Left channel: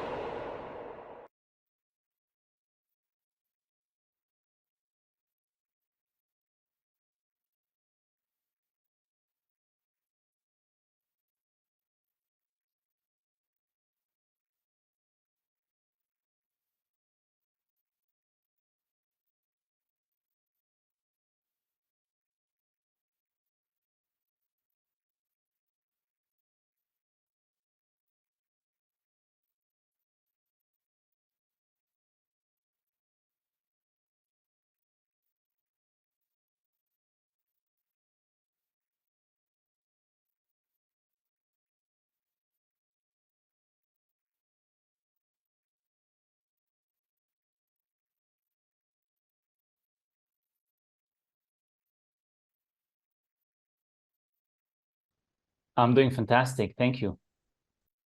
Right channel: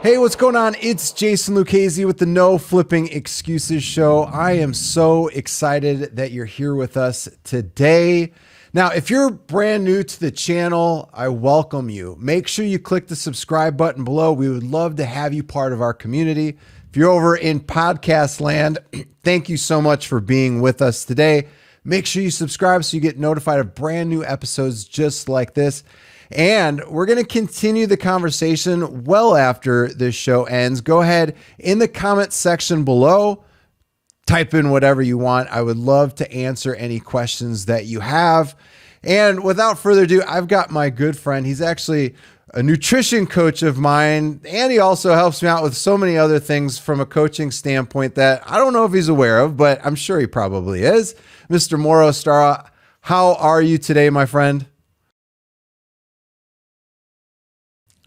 Hey, what's going on? It's Jason Lucchese with the No Flipping Excuses Show. I am so excited that you're here with us today. Now, if you're brand new to the channel, I welcome you. Make sure you click the subscribe button below. We would love to have you part of our community. If you're over in podcast land, thank you so much for being with us today. Make sure you subscribe so you get notified of brand new episodes just like this. And we're going to continue the conversation well after this show ends. Go ahead in the comment section below, type in whatever you want. I would love to answer any questions that you have. And without further ado, I've got my good friend. He's actually a nutrition coach of mine, and he also helps me out with so many other things from a coaching standpoint that I don't know if he's aware of, but I'm sure he probably is. Mr. Mauro Stara, how are you today, my friend? I'm doing fantastic. Thank you.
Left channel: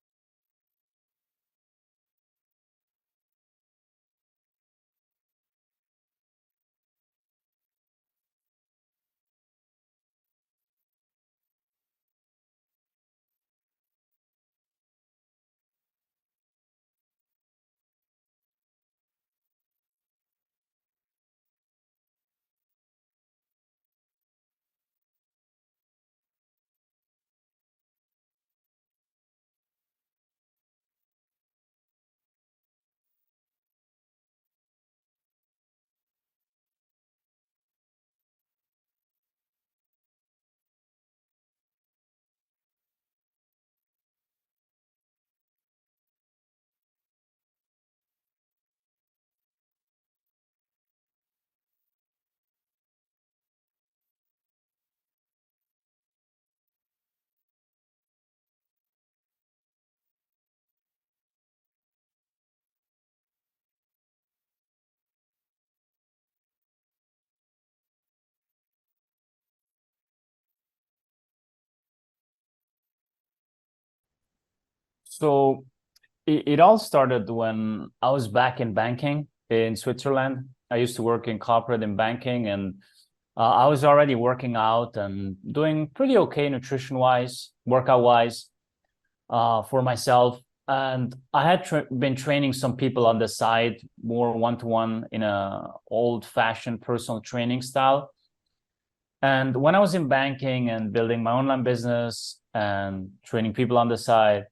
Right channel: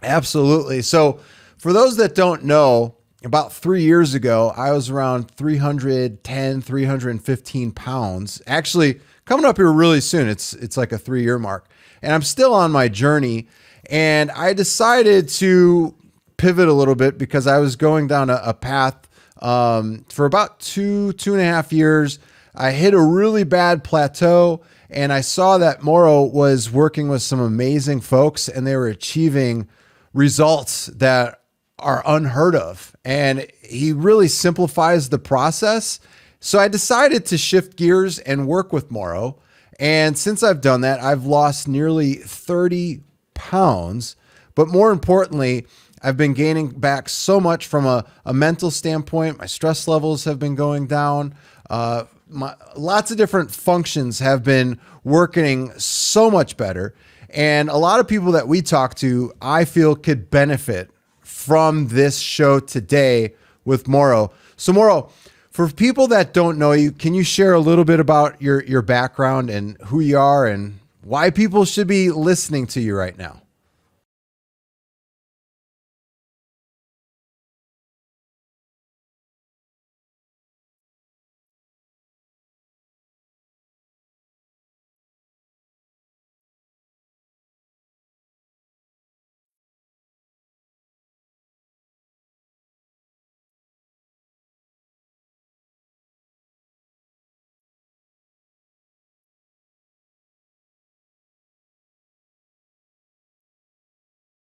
Absolutely. So for those that don't know, about 3 years ago, I was around 310, 315 pounds. Actually, coming up here really soon. It's like a 3-year mark. And I'm still on my journey. And I decided to pivot a little bit because I was going down a path for about 2.5 years. I hit a really bad plateau. And I saw that Mauro was working with some amazing folks and they were achieving results that are unheard of. And he really simplifies the process. So I decided to shift gears and work with Mauro. And since I've done that, I've lost nearly 30 pounds. But more importantly, I've been gaining back so much from a mental standpoint. My stress levels have been going down. Lots of different functions have been working so much better. And a lot of people that we talk to, I feel could benefit from this show today with Mauro. So Mauro, for people that don't know you, can you share a little bit about your background and who you are and why people should be listening to you right now? So it all started when I was back in banking in Switzerland. I used to work in corporate and banking, and I was already working out and doing pretty okay nutrition-wise, workout-wise for myself. And I had been training some people on the side, more one-to-one in a old-fashioned personal training style. And when I was in banking and building my online business and training people on the side,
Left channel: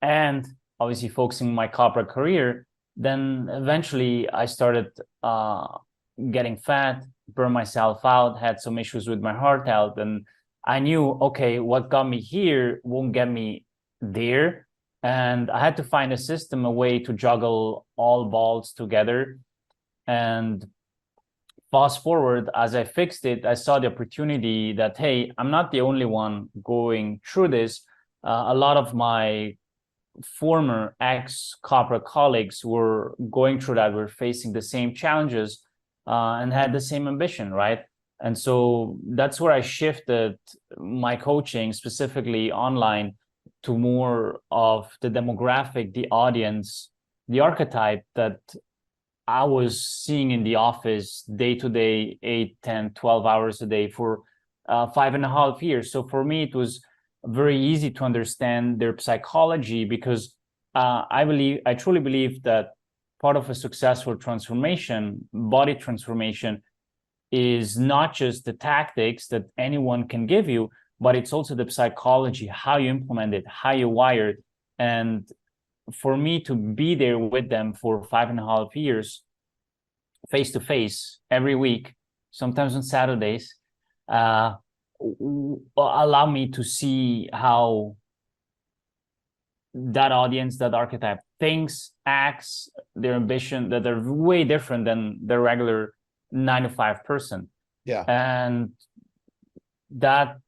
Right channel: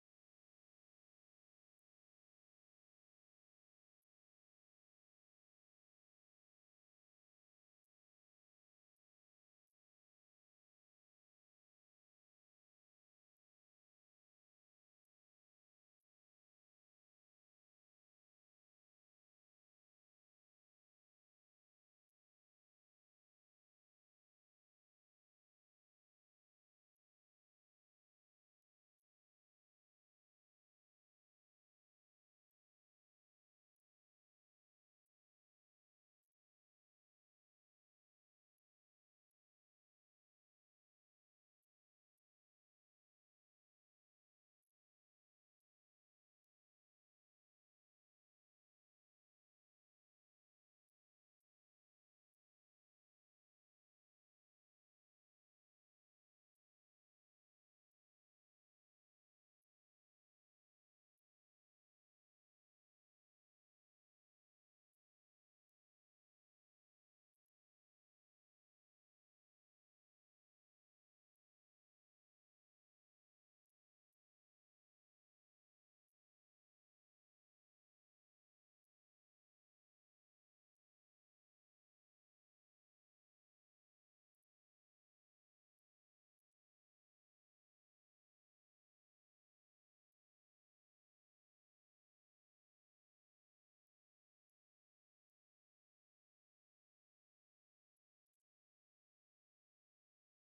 and obviously focusing on my corporate career, then eventually I started getting fat, burned myself out, had some issues with my heart health. And I knew, okay, what got me here won't get me there. And I had to find a system, a way to juggle all balls together. And fast forward, as I fixed it, I saw the opportunity that, hey, I'm not the only one going through this. A lot of my former ex-corporate colleagues were going through that, were facing the same challenges and had the same ambition, right? And so that's where I shifted my coaching, specifically online, to more of the demographic, the audience, the archetype that I was seeing in the office day to day, 8, 10, 12 hours a day for 5.5 years. So for me, it was very easy to understand their psychology because I truly believe that part of a successful transformation, body transformation, is not just the tactics that anyone can give you, but it's also the psychology, how you implement it, how you wire it. And for me to be there with them for 5.5 years, face to face, every week, sometimes on Saturdays, allow me to see how that audience, that archetype thinks, acts, their ambition, that they're way different than the regular 9-to-5 person. Yeah. And that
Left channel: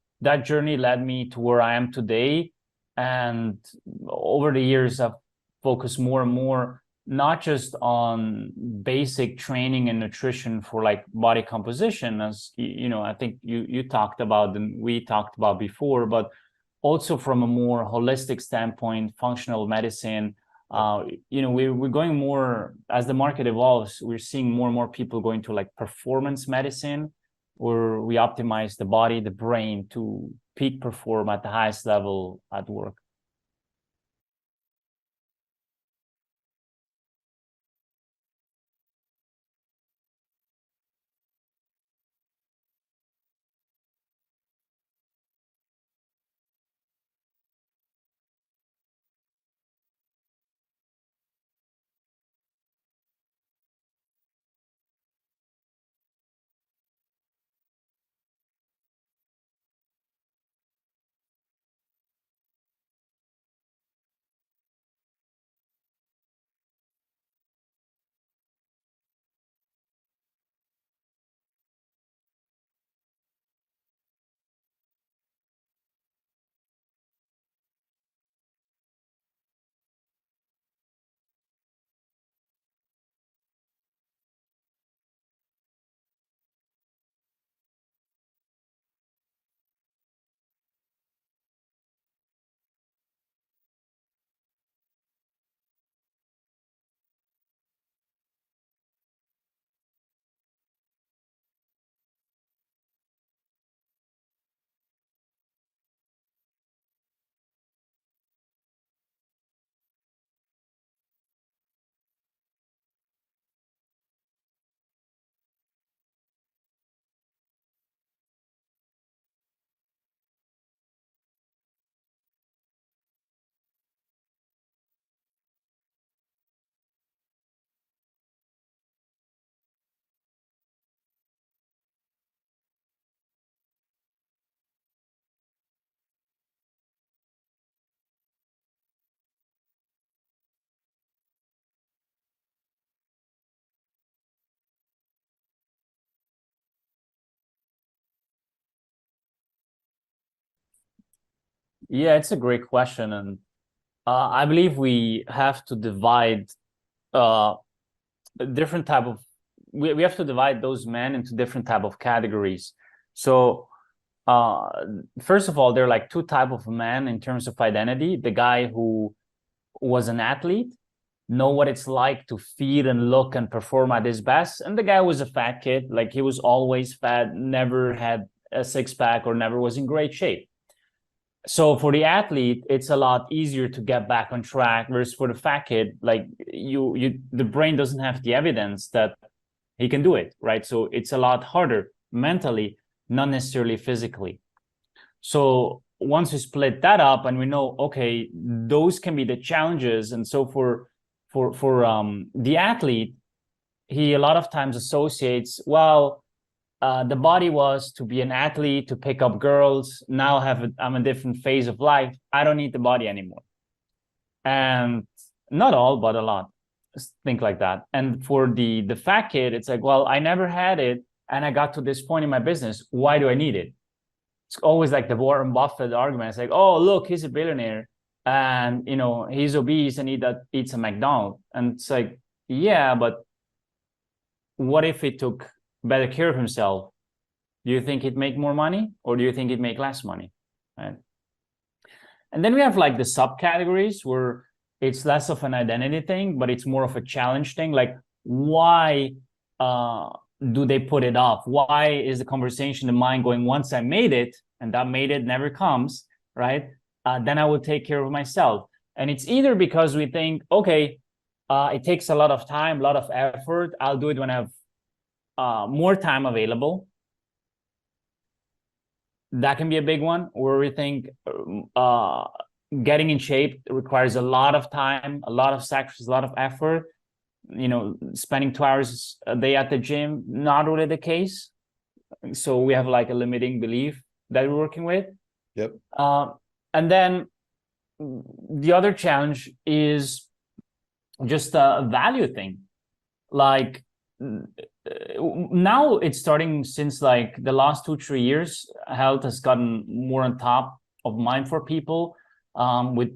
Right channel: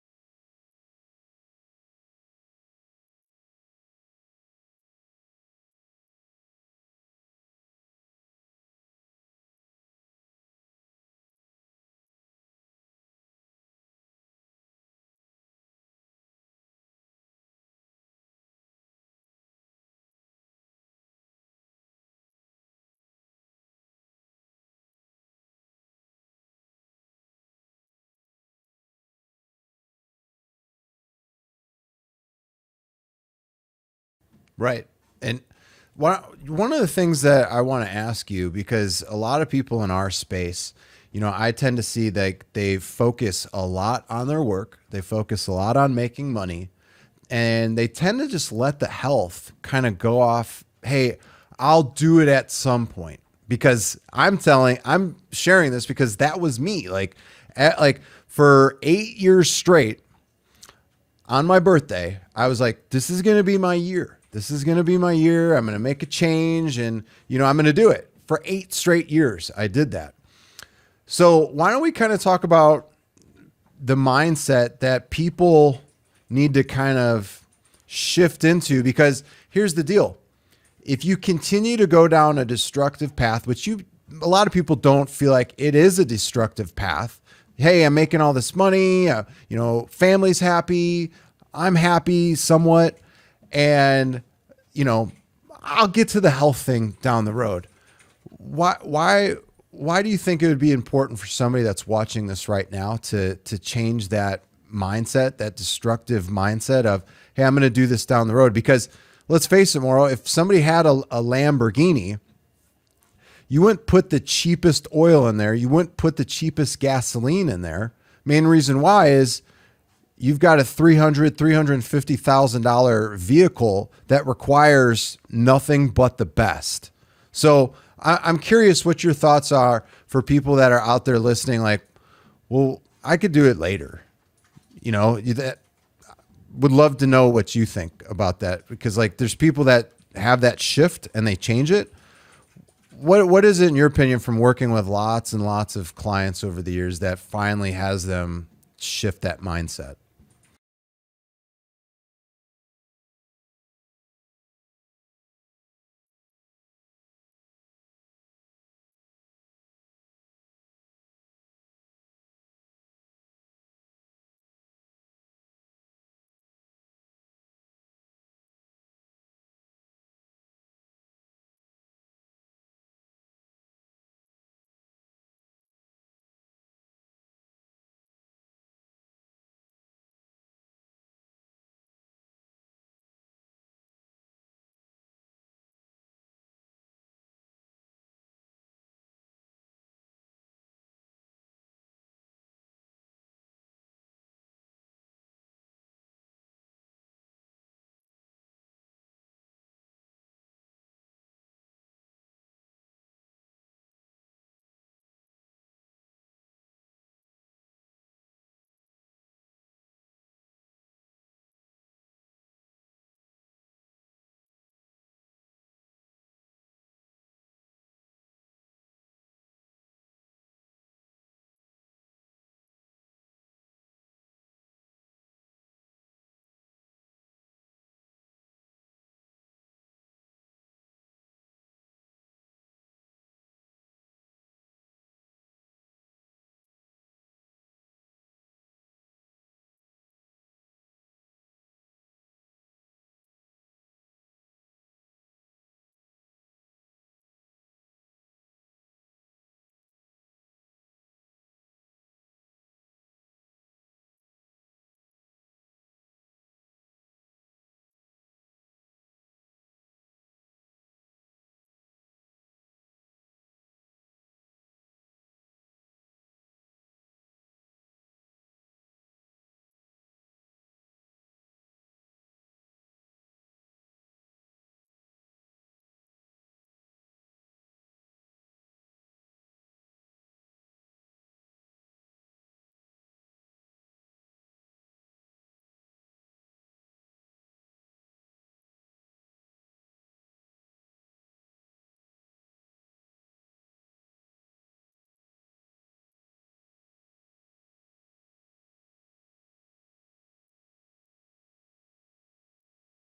journey led me to where I am today. And over the years, I've focused more and more, not just on basic training and nutrition for like body composition, as I think you talked about and we talked about before, but also from a more holistic standpoint, functional medicine. We're going more, as the market evolves, we're seeing more and more people going to like performance medicine, where we optimize the body, the brain to peak perform at the highest level at work. Right. And One of the things that I want to ask you, because a lot of people in our space, I tend to see that they focus a lot on their work, they focus a lot on making money, and they tend to just let the health kind of go off. Hey, I'll do it at some point, because I'm sharing this because that was me. Like for 8 years straight on my birthday, I was like, this is going to be my year. This is going to be my year. I'm going to make a change, and I'm going to do it. For 8 straight years, I did that. So why don't we kind of talk about the mindset that people need to kind of shift into? Because here's the deal. If you continue to go down a destructive path, which a lot of people don't feel like it is a destructive path. Hey, I'm making all this money, family's happy, I'm happy somewhat, and I'll get to the health thing down the road. Why do you think it would be important for somebody that's watching this right now to change that mindset, that destructive mindset of, hey, I'm going to do this down the road? Because let's face it, Mauro, if somebody had a Lamborghini, you wouldn't put the cheapest oil in there. You wouldn't put the cheapest gasoline in there. Main reason why is you've got a $350,000 vehicle that requires nothing but the best. So I'm curious what your thoughts are for people that are out there listening. Like, well, I could do it later. That would love to know what you think about that, because like there's people that have that shift and they change it. What is it, in your opinion, from working with lots and lots of clients over the years, that finally has them shift that mindset? Yeah, it's a great question. And I believe we have to divide a different type of, we have to divide those men into different type of categories. So first of all, there are like two type of men in terms of identity. The guy who was an athlete, know what it's like to feed and look and perform at his best. And the guy was a fat kid, like he was always fat, never had a six-pack or never was in great shape. So for the athlete, it's a lot easier to get back on track, versus for the fat kid, like the brain doesn't have the evidence that he can do it, right? So it's a lot harder mentally, not necessarily physically. So once we split that up and we know, okay, those can be the challenges. And so for the athlete, he a lot of times associates, well, the body was to be an athlete, to pick up girls. Now I'm a different phase of life. I don't need the body anymore. And not all, but a lot think like that. And for the fat kid, it's like, well, I never had it, and I got to this point in my business. Why do I need it? It's always like the Warren Buffett argument. It's like, oh, look, he's a billionaire, and he's obese and eats a McDonald's. And it's like, yeah, but what if he took better care of himself? Do you think he'd make more money, or do you think he'd make less money? Right? And then we have like the subcategories where it's less of an identity thing, but it's more of a challenge thing. Like, why do they put it off? Why is the conversation in mind going, once I made it, and that made it never comes, right? Then I will take care of myself. And it's either because we think, okay, it takes a lot of time, a lot of effort. I'll do it when I have more time available. That can be a big one. Or we think getting in shape requires a lot of time, a lot of sacrifice, a lot of effort. Spending 2 hours a day at the gym, not really the case. So we have like a limiting belief that we're working with. Yep. And then the other challenge is just a value thing. Like now it's starting, since like the last 2-3 years, health has gotten more on top of mind for people, with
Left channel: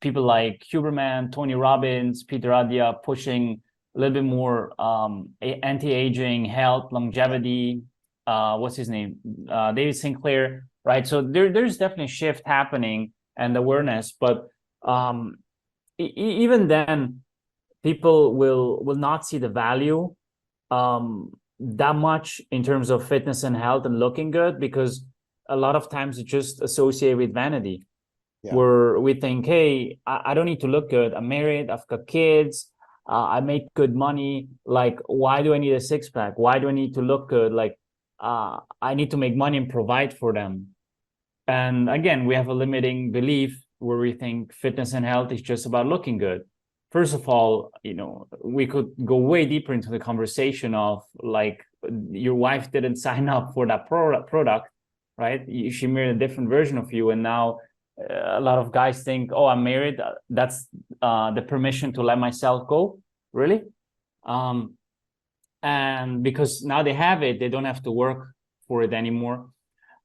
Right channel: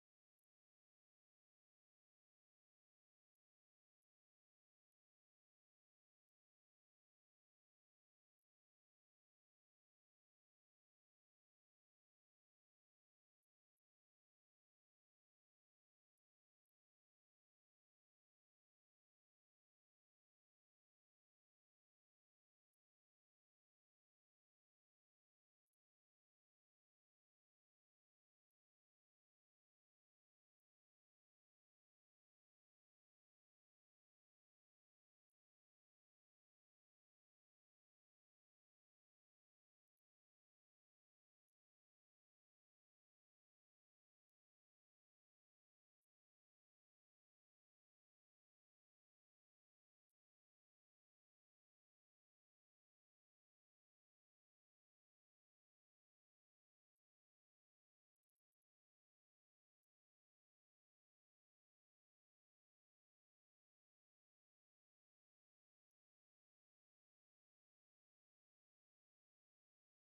people like Huberman, Tony Robbins, Peter Attia pushing a little bit more anti-aging, health, longevity. What's his name? David Sinclair, right? So there's definitely a shift happening and awareness, but even then, people will not see the value that much in terms of fitness and health and looking good, because a lot of times it's just associated with vanity. Yeah. where we think, hey, I don't need to look good. I'm married, I've got kids, I make good money. Like, why do I need a six pack? Why do I need to look good? Like, I need to make money and provide for them. And again, we have a limiting belief where we think fitness and health is just about looking good. First of all, we could go way deeper into the conversation of like, your wife didn't sign up for that product, right? She married a different version of you, and now a lot of guys think, oh, I'm married, that's the permission to let myself go. Really? And because now they have it, they don't have to work for it anymore.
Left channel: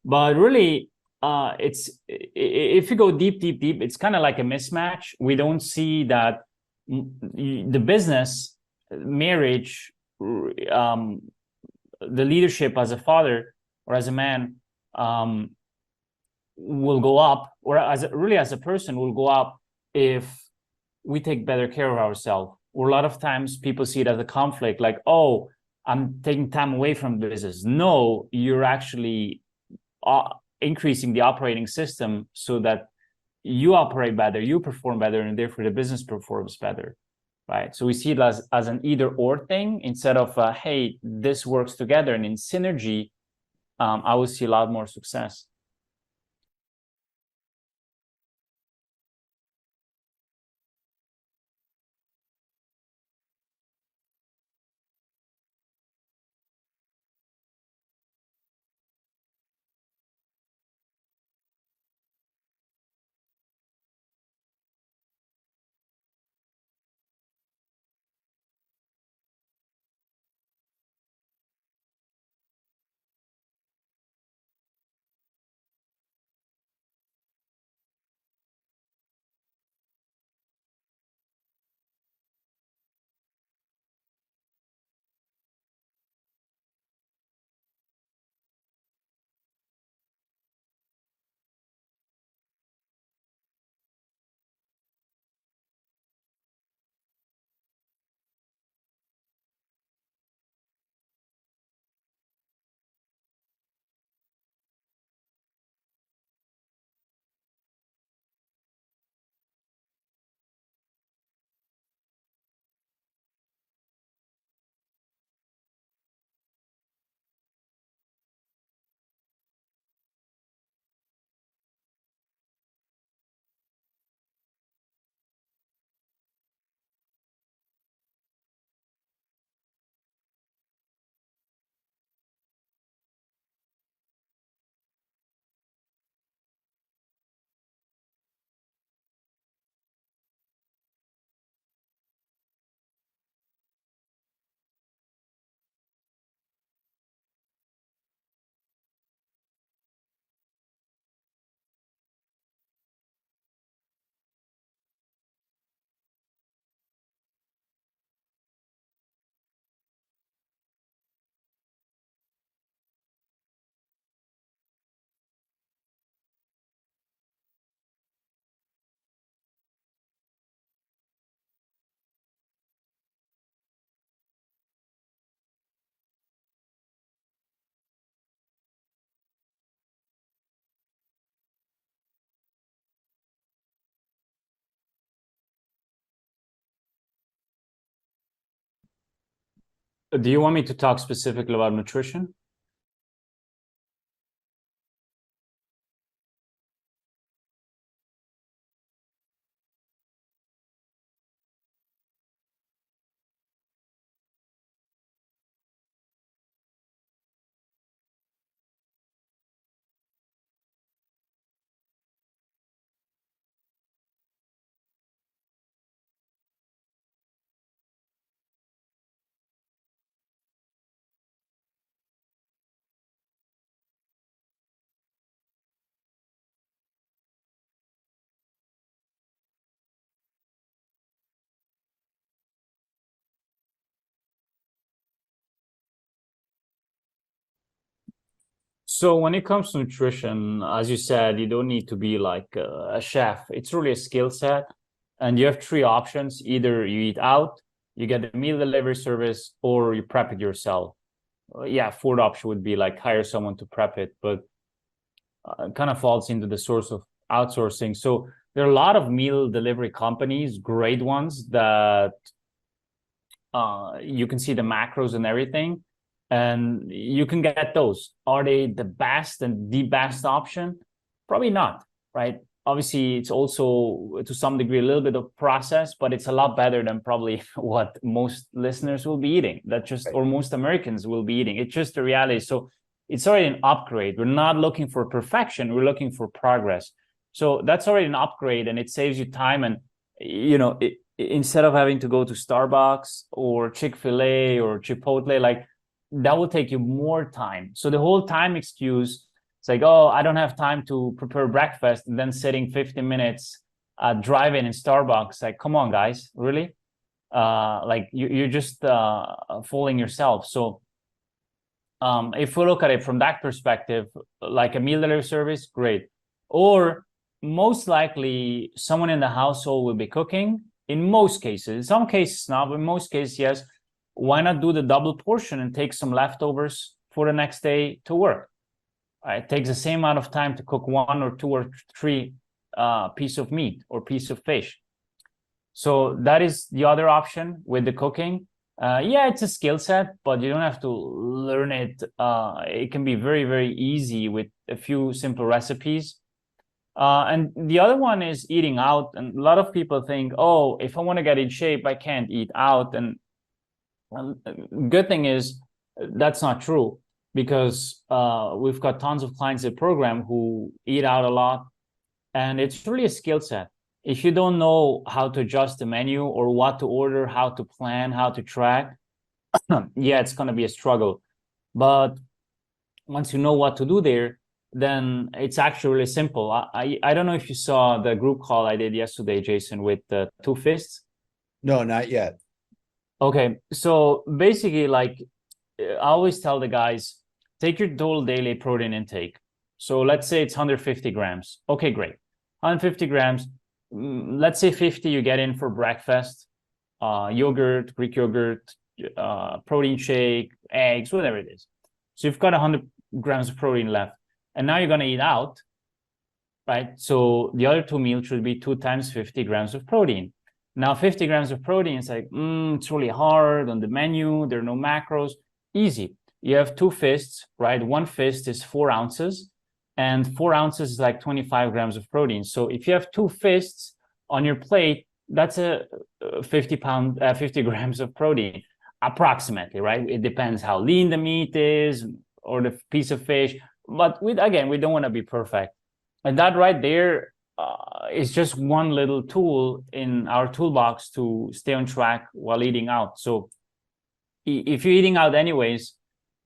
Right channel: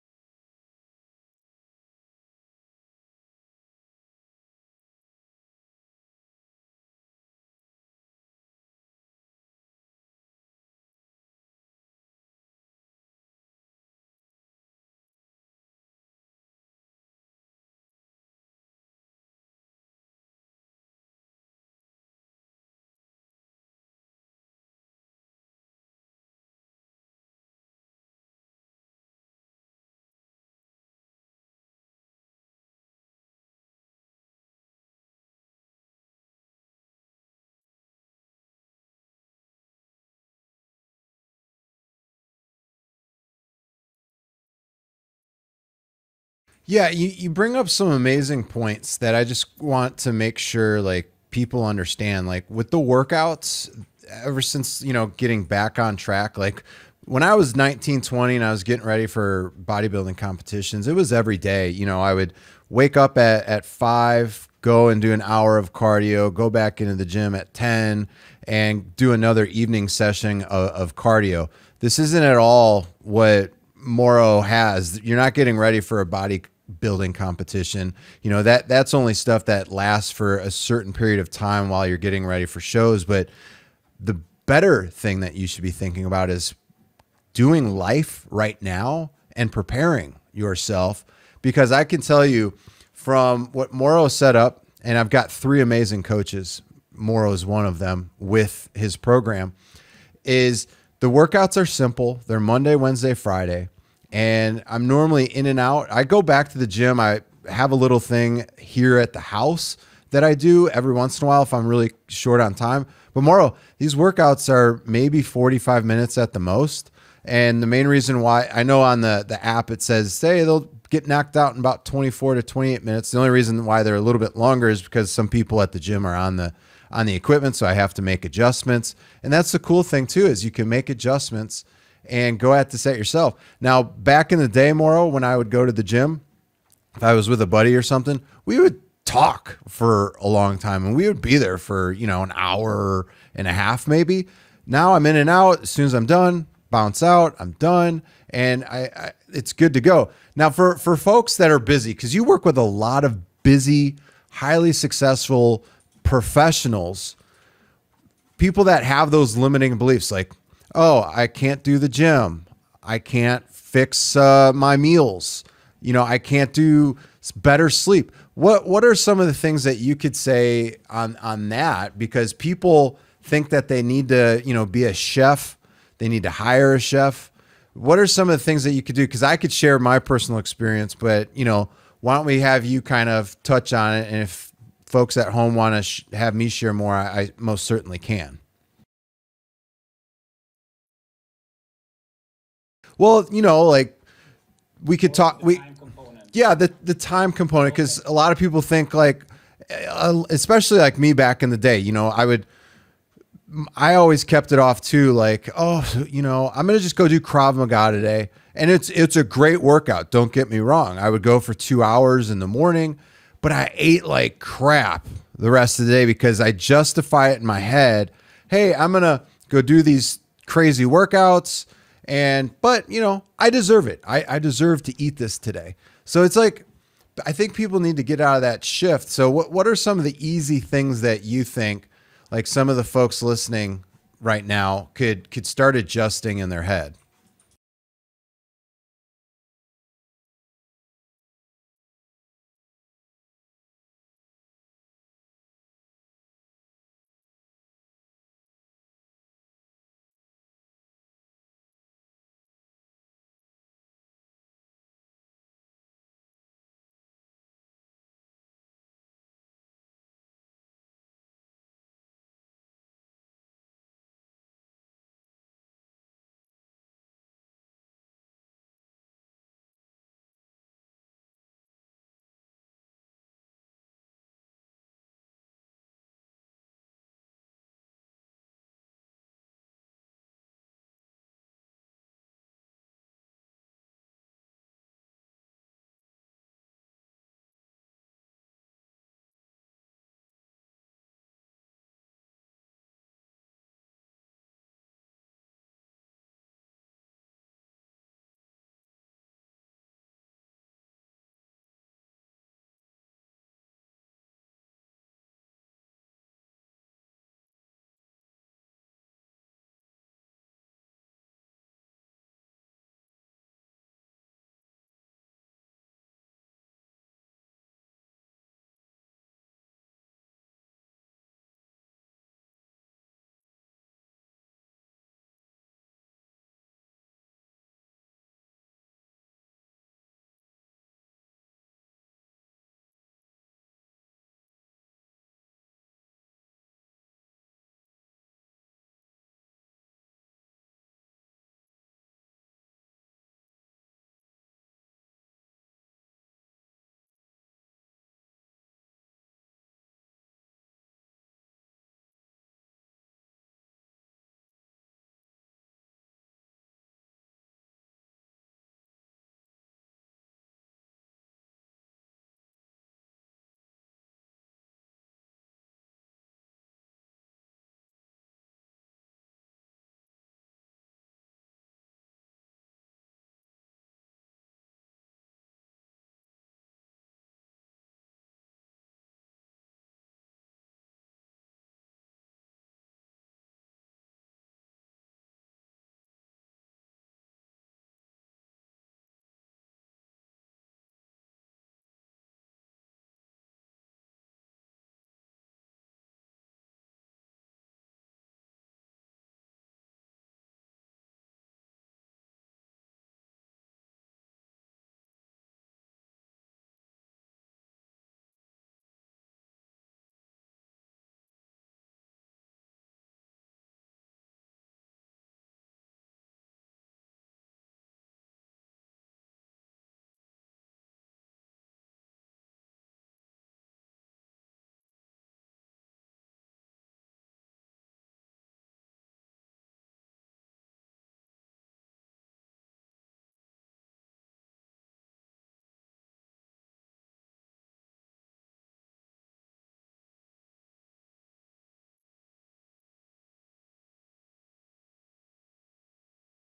But really, it's, if you go deep, it's kind of like a mismatch. We don't see that the business, marriage, the leadership as a father or as a man, will go up, or as a person will go up if we take better care of ourselves. Or a lot of times people see it as a conflict, like, oh, I'm taking time away from the business. No, you're actually increasing the operating system so that you operate better, you perform better, and therefore the business performs better, right? So we see it as an either or thing, instead of hey, this works together, and in synergy, I would see a lot more success. Yeah, you bring up some amazing points that I just want to make sure like people understand. Like with the workouts, ever since, getting back on track, like when I was 19, 20 and I was getting ready for bodybuilding competitions, it was every day. I would wake up at 5, go and do an hour of cardio, go back into the gym at 10 and do another evening session of cardio. This isn't at all what Moro has. You're not getting ready for a bodybuilding competition. That's only stuff that lasts for a certain period of time while you're getting ready for shows. But the better thing that you should be thinking about is doing life right now and preparing yourself, because I can tell you from what Moro set up, and I've got 3 amazing coaches. Moro is one of them with his program, is the workouts are simple. They're Monday, Wednesday, Friday. And I'm normally in and out. I go back to the gym. I have a little thing here at the house that I do every once in a while if I'm really short on time. But Moro, these workouts are maybe 45 minutes at the most. And the main reason why, I know on the app it says, hey, they'll get knocked out in about 24 to 28 minutes. The only reason why they're a little bit longer is because some people at the gym are on the equipment, so I have to make adjustments. And that's the cool thing too, is you can make adjustments and go at this at yourself. Now, back in the day, Moro, when I would go to the gym, if I was with a buddy or something, we would talk for a long time and we would be there for, an hour and a half, maybe. Now I'm in and out. As soon as I'm done, bounce out, I'm done. And it's good to go. Now for folks that are busy, because you work with a lot of busy, highly successful professionals, people that have those limiting beliefs, like, oh, I can't do the gym. I can't fix my meals. I can't do better sleep. What are some of the things that you could say on that? Because people think that they need to, be a chef. They need to hire a chef. What are some of the things that you could do? Because I could share my personal experience, but, why don't we have you kind of touch on it? And if folks at home want to have me share more, I most certainly can. Do you want me to talk specifically about nutrition? Well, like we could talk, the time component, because a lot of people think like, especially like me back in the day, I always kept it off too. Like, oh, I'm going to just go do Krav Maga today. And it's a great workout. Don't get me wrong. I would go for 2 hours in the morning, but I ate like crap the rest of the day because I justify it in my head. Hey, I'm going to go do these crazy workouts but I deserve it. I deserve to eat this today. So it's like, I think people need to get out of that shift. So what are some of the easy things that you think like some of the folks listening right now could start adjusting in their head? So when it comes to nutrition, as you said, you don't need to be like a chef. It's really a skill set. And you have 3 options. Either you eat out, you get a meal delivery service, or you prep it yourself. Fourth option would be like hire someone to prep it, but it kind of falls into the source of outsourcing. So there are a lot of meal delivery companies, great ones that you can see the macros and everything, and you can get those. Are they the best and the best option? Probably not, right? Obviously, it's also to some degree a little bit of process, but it's a lot better than probably what most listeners will be eating. That just, or most Americans will be eating. It's just the reality. So it's already an upgrade. We're not looking for perfection. We're looking for progress. So that's already an upgrade, and it saves you time. And instead of having to go to Starbucks or Chick-fil-A or Chipotle, like that will take you more time. So the whole time excuse, it's like, oh, I don't have time to prepare breakfast, and then sitting 50 minutes driving in Starbucks. Like, come on, guys, really? Like you're just fooling yourself. So if we look at it from that perspective, like a meal delivery service, great. Or most likely someone in the household will be cooking. In most cases, in some cases not, but in most cases, yes. Why not do the double portion and take some leftovers for the next day to work? It takes the same amount of time to cook 1 or 2 or 3 piece of meat or piece of fish. So that is the other option with the cooking. Yeah, it's a skill set, but you don't have to learn it. It can be very, very easy with a few simple recipes. And the other one is eating out. And a lot of people think, oh, if I want to get in shape, I can't eat out. And good thing is that's not true, because we've got tons of clients in the program who eat out a lot. And it's really a skill set. If you don't know how to adjust the menu or what to order, how to plan, how to track, yeah, it's going to be a struggle. But once you know what to do there, then it's actually really simple. I don't know if you saw the group call I did yesterday, Jason, with the 2 fists. No, not yet. Okay, so basically, like I always tell the guys, take your total daily protein intake. So let's say it's 150 grams. Okay, great. 150 grams. Let's say 50 you get in for breakfast, yogurt, Greek yogurt, protein shake, eggs, whatever it is. So you've got 100 grams of protein left. And now you're going to eat out, right? So the other 2 meals should be 2 times 50 grams of protein. Now 50 grams of protein, it's like, it's really hard on the menu. There are no macros. Easy. You have 2 fists, right? 1 fist is 4 ounces. And 4 ounces is like 25 grams of protein. So if you have 2 fists on your plate, that's a 50 grams of protein, approximately, right? It depends how lean the meat is or the piece of fish. But we don't want to be perfect. And that right there is just one little tool in our toolbox to stay on track while eating out. So if you're eating out anyways,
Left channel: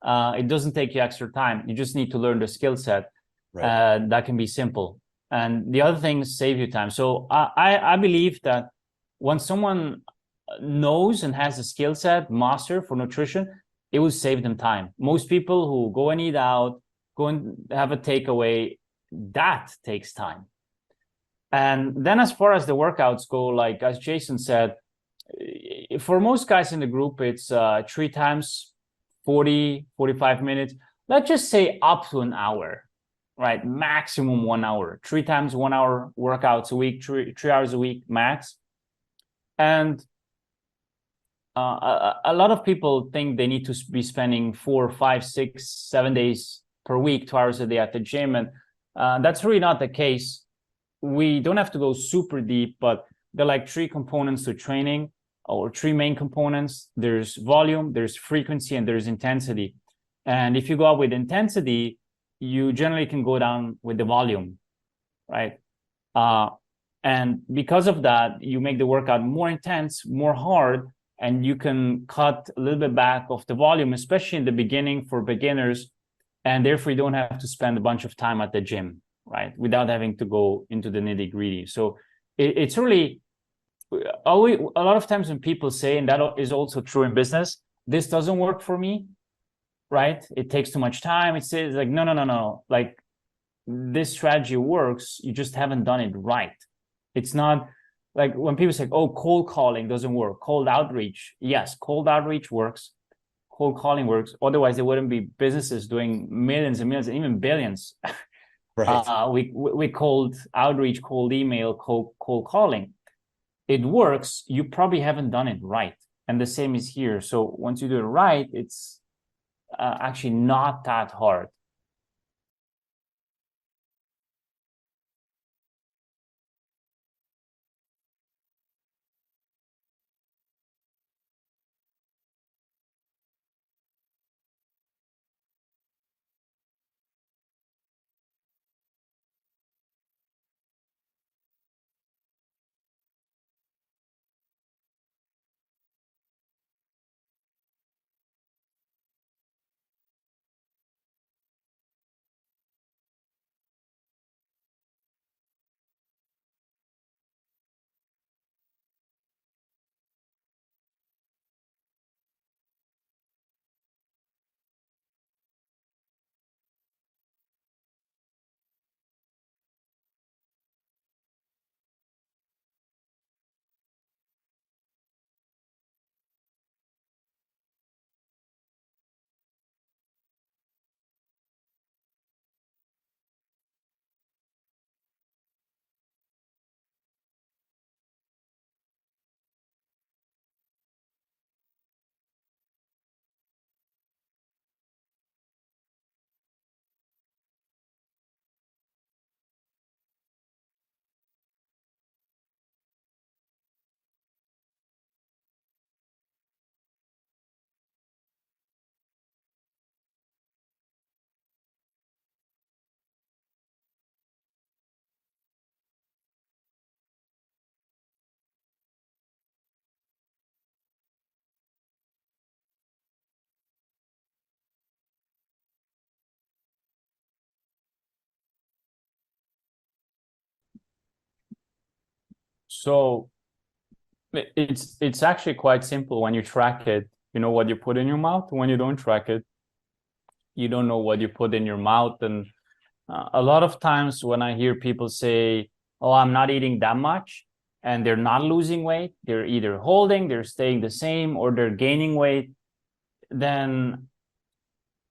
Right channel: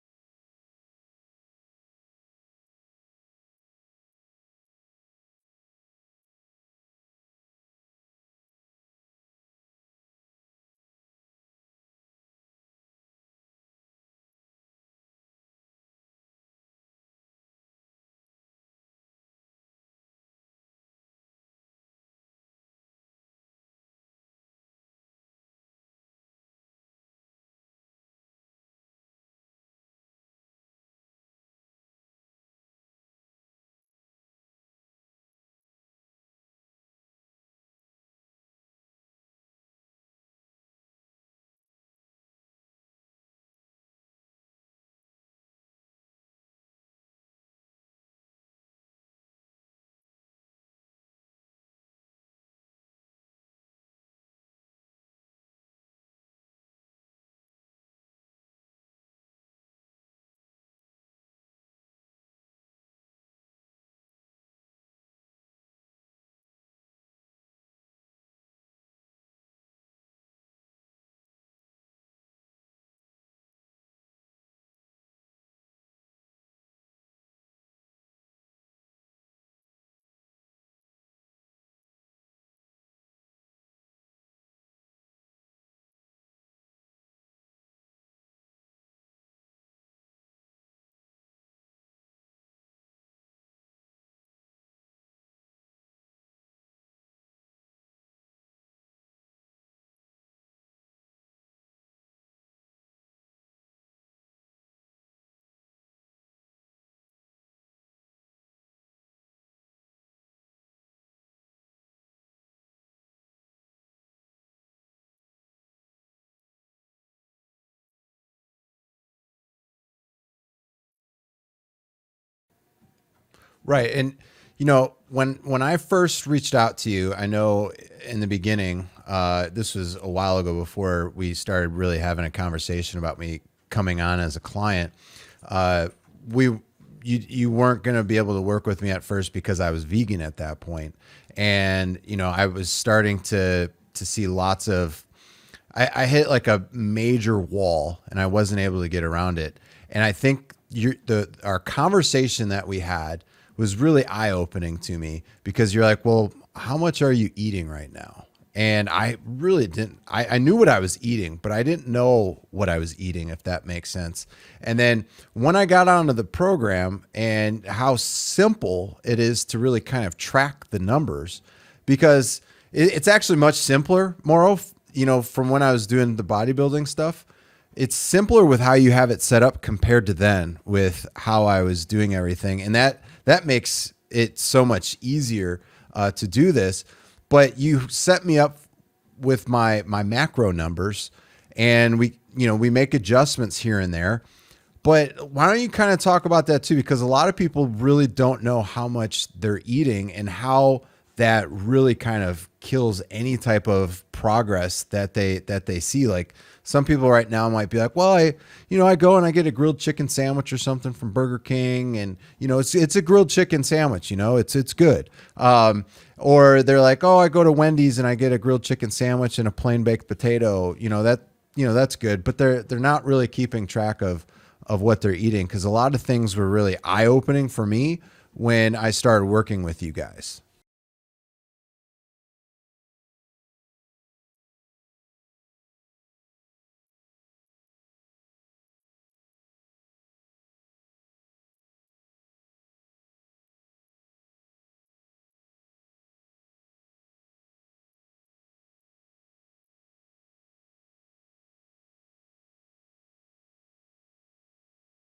it doesn't take you extra time. You just need to learn the skill set. Right. That can be simple. And the other things save you time. So I believe that when someone knows and has a skill set, master for nutrition, it will save them time. Most people who go and eat out, go and have a takeaway, that takes time. And then as far as the workouts go, like as Jason said, for most guys in the group, it's 3 times 40, 45 minutes. Let's just say up to an hour, right? Maximum 1 hour, 3 times 1 hour workouts a week, 3 hours a week max. And a lot of people think they need to be spending 4, 5, 6, 7 days per week, 2 hours a day at the gym. And that's really not the case. We don't have to go super deep, but there are like 3 components to training, or 3 main components. There's volume, there's frequency, and there's intensity. And if you go up with intensity, you generally can go down with the volume, right? And because of that, you make the workout more intense, more hard, and you can cut a little bit back of the volume, especially in the beginning for beginners. And therefore, you don't have to spend a bunch of time at the gym, right? Without having to go into the nitty gritty. So it's really, a lot of times when people say, and that is also true in business, this doesn't work for me, right? It takes too much time. It's like, no. Like this strategy works. You just haven't done it right. It's not like when people say, oh, cold calling doesn't work. Cold outreach. Yes, cold outreach works. Cold calling works. Otherwise, there wouldn't be businesses doing millions and millions and even billions Right. We cold outreach, cold email, cold calling. It works. You probably haven't done it right. And the same is here. So once you do it right, it's actually not that hard. Right. And you know, when I first reached out to you, I know in the beginning, this was a while ago before we started really having a conversation about me coming on as a client. Uh, we you weren't going to be able to work with me at first because I was vegan at that point, and you know, I was starting to see lots of I hit like a major wall and I wasn't able to get around it. And I think our conversation that we had was really eye opening to me because you're like, well, how much are you eating right now? And I really didn't, I knew what I was eating, but I didn't know what I was eating, if that makes sense. And then when I got onto the program and how simple it is to really kind of track the numbers, because it's actually much simpler, Mauro, you know, from when I was doing the bodybuilding stuff. It's simpler with how you have it set up compared to then with how I was doing everything. And that makes it so much easier to do this. But you set me up with my macro numbers, and we make adjustments here and there. But why don't you kind of talk about that too? Because a lot of people really don't know how much they're eating and how that really kind of kills any type of progress that they see. Like some people right now might be like, well, I go and I get a grilled chicken sandwich or something from Burger King, and it's a grilled chicken sandwich, it's good. Or they're like, oh, I go to Wendy's and I get a grilled chicken sandwich and a plain baked potato. That's good, but they're not really keeping track of what they're eating, because a lot of things were really eye opening for me when I started working with you guys. So it's actually quite simple when you track it. You know what you put in your mouth. When you don't track it, you don't know what you put in your mouth. And a lot of times when I hear people say, oh, I'm not eating that much, and they're not losing weight, they're either holding, they're staying the same, or they're gaining weight, then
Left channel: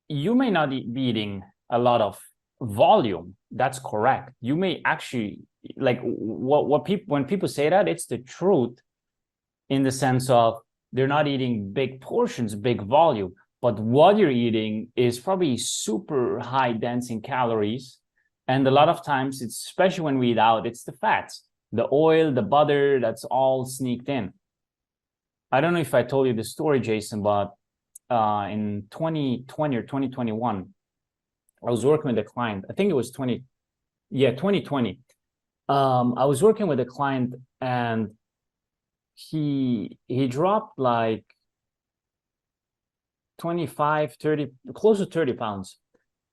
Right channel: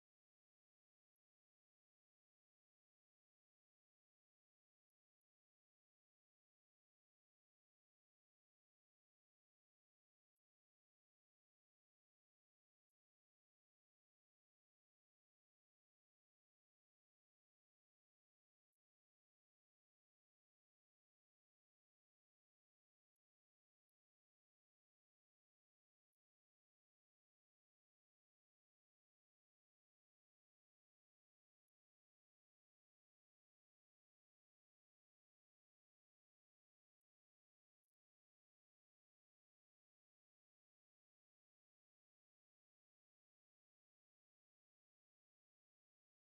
you may not be eating a lot of volume. That's correct. You may actually, like, what people, when people say that, it's the truth, in the sense of they're not eating big portions, big volume, but what you're eating is probably super high dense in calories. And a lot of times, it's, especially when we eat out, it's the fats, the oil, the butter, that's all sneaked in. I don't know if I told you the story, Jason, but in 2020 or 2021, I was working with a client. I think it was 2020. I was working with a client, and he dropped like 25, 30, close to 30 pounds.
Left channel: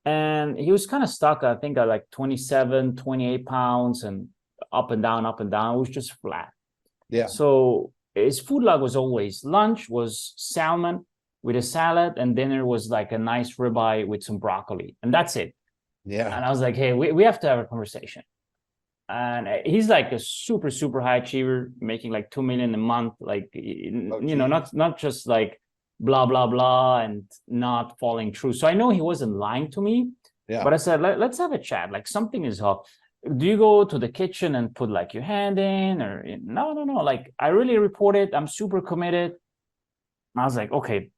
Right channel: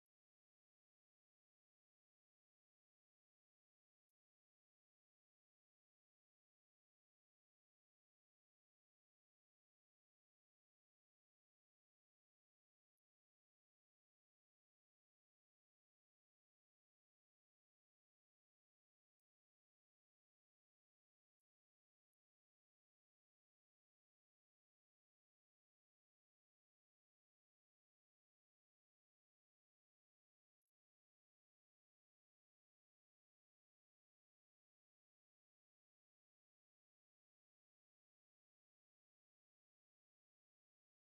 And he was kind of stuck, I think, at like 27, 28 pounds, and up and down, up and down. It was just flat. Yeah. So his food log was always lunch was salmon with a salad, and dinner was like a nice ribeye with some broccoli, and that's it. Yeah. And I was like, hey, we have to have a conversation. And he's like a super, super high achiever, making like 2 million a month, like, not just like blah, blah, blah, and not falling through. So I know he wasn't lying to me, but I said, let's have a chat. Like, something is off. Do you go to the kitchen and put like your hand in, or no? Like, I really report it. I'm super committed. I was like, okay,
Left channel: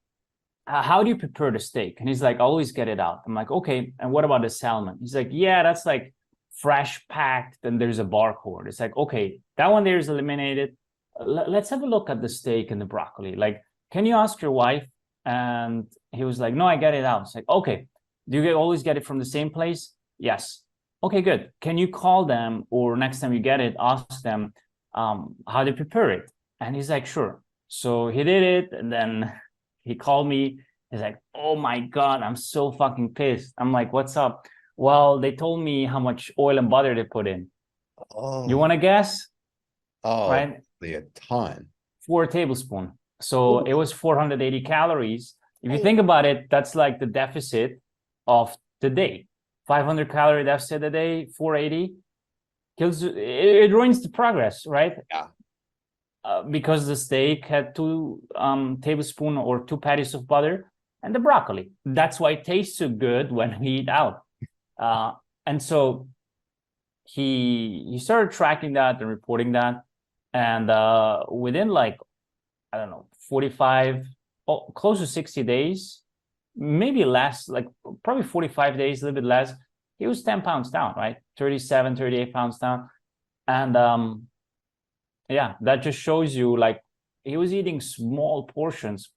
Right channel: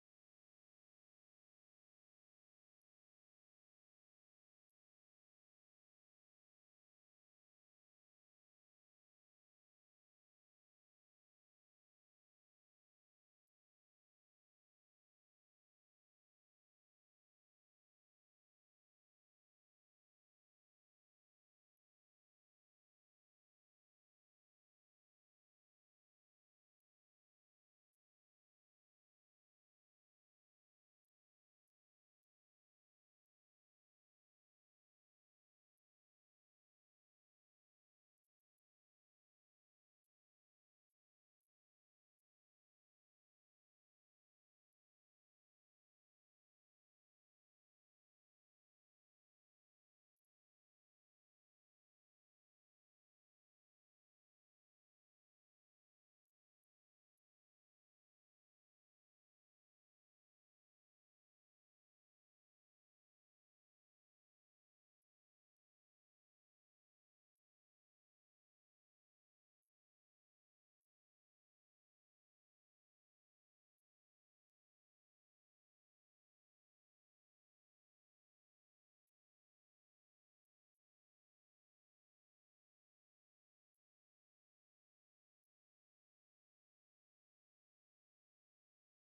how do you prepare the steak? And he's like, I always get it out. I'm like, okay. And what about the salmon? He's like, yeah, that's like fresh packed, and there's a barcode. It's like, okay, that one there is eliminated. Let's have a look at the steak and the broccoli. Like, can you ask your wife? And he was like, no, I get it out. It's like, okay, do you always get it from the same place? Yes. Okay, good. Can you call them, or next time you get it, ask them how they prepare it? And he's like, sure. So he did it, and then he called me. He's like, oh my God, I'm so fucking pissed. I'm like, what's up? Well, they told me how much oil and butter they put in. Oh. You want to guess? Oh, right? a ton. 4 tablespoons. So it was 480 calories. If you think about it, that's like the deficit of the day. 500 calorie deficit a day, 480 kills. It ruins the progress, right? Yeah. Because the steak had 2 tablespoons or 2 patties of butter, and the broccoli. That's why it tastes so good when we eat out. And so he started tracking that and reporting that. And within like, I don't know, 45, close to 60 days, maybe less, like probably 45 days, a little bit less, he was 10 pounds down, right? 37, 38 pounds down. And yeah, that just shows you like he was eating small portions,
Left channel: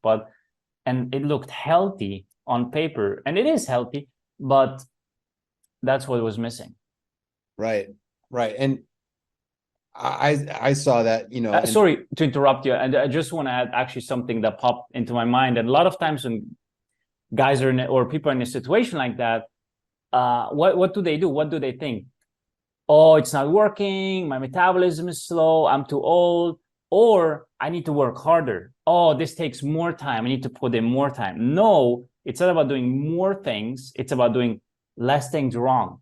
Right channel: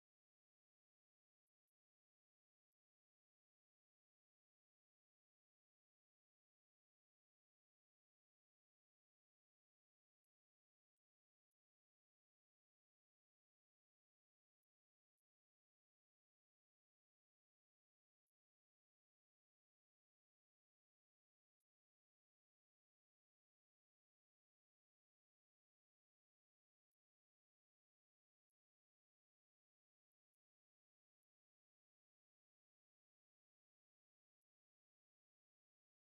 and it looked healthy on paper, and it is healthy, but that's what was missing. Right. And I saw that, you know, Sorry to interrupt you, and I just want to add actually something that popped into my mind. And a lot of times when guys are or people are in a situation like that, what do they do? What do they think? Oh, it's not working. My metabolism is slow. I'm too old. Or I need to work harder. Oh, this takes more time. I need to put in more time. No, it's not about doing more things. It's about doing less things wrong,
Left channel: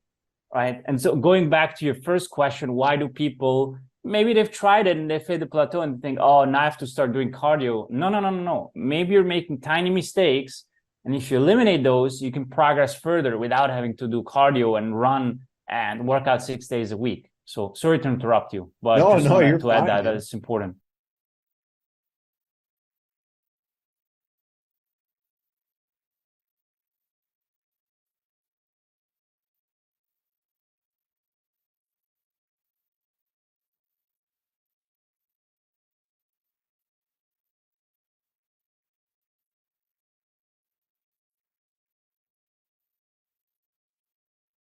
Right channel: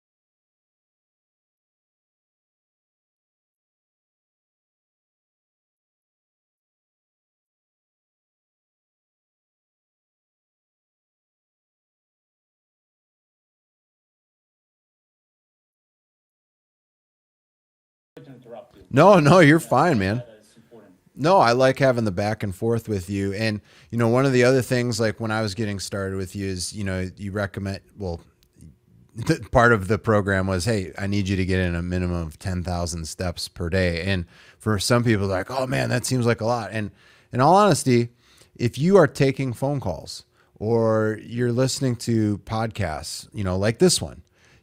right? And so going back to your first question, why do people, maybe they've tried it and they've hit the plateau and think, oh, now I have to start doing cardio. No. Maybe you're making tiny mistakes. And if you eliminate those, you can progress further without having to do cardio and run and work out 6 days a week. So sorry to interrupt you, but no, you're fine, man. It's important. No, I like having the back and forth with you. And, you know, one of the other things, like when I was getting started with you is, you know, you recommend, well, part of the program was, hey, I need you to get in a minimum of 10,000 steps per day. And for some people, they're like, oh man, that seems like a lot. And in all honesty, if you are taking phone calls or you're listening to podcasts, you know, like this one,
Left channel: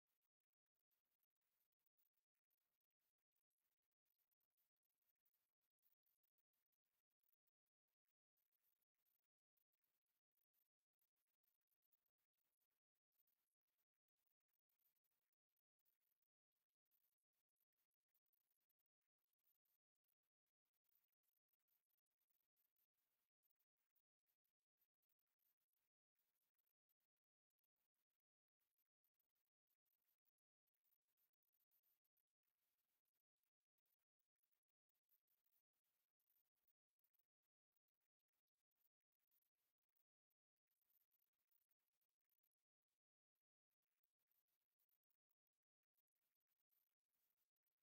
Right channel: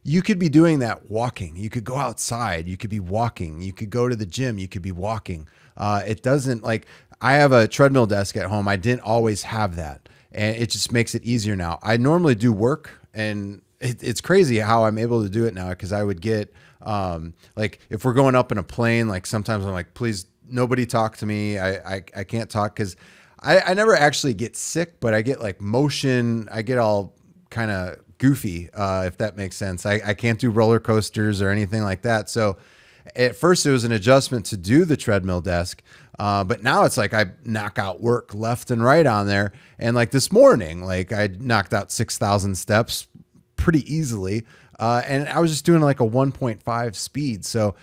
you could be doing that walking. You could go outside. You could be walking. You could go to the gym. You could be walking. It doesn't, like, I have a treadmill desk at home. I didn't always have that. And it just makes it easier now. I normally do work, and it's crazy how I'm able to do it now, because I would get, like, if we're going up in a plane, like sometimes I'm like, please, nobody talk to me. I can't talk, because I never actually get sick, but I get like motion. I get all kind of goofy, if that makes sense. I can't do roller coasters or anything like that. So at first it was an adjustment to do the treadmill desk. But now it's like I knock out work left and right on there. And like this morning, like I knocked out 6,000 steps pretty easily. And I was just doing like a 1.5 speed. So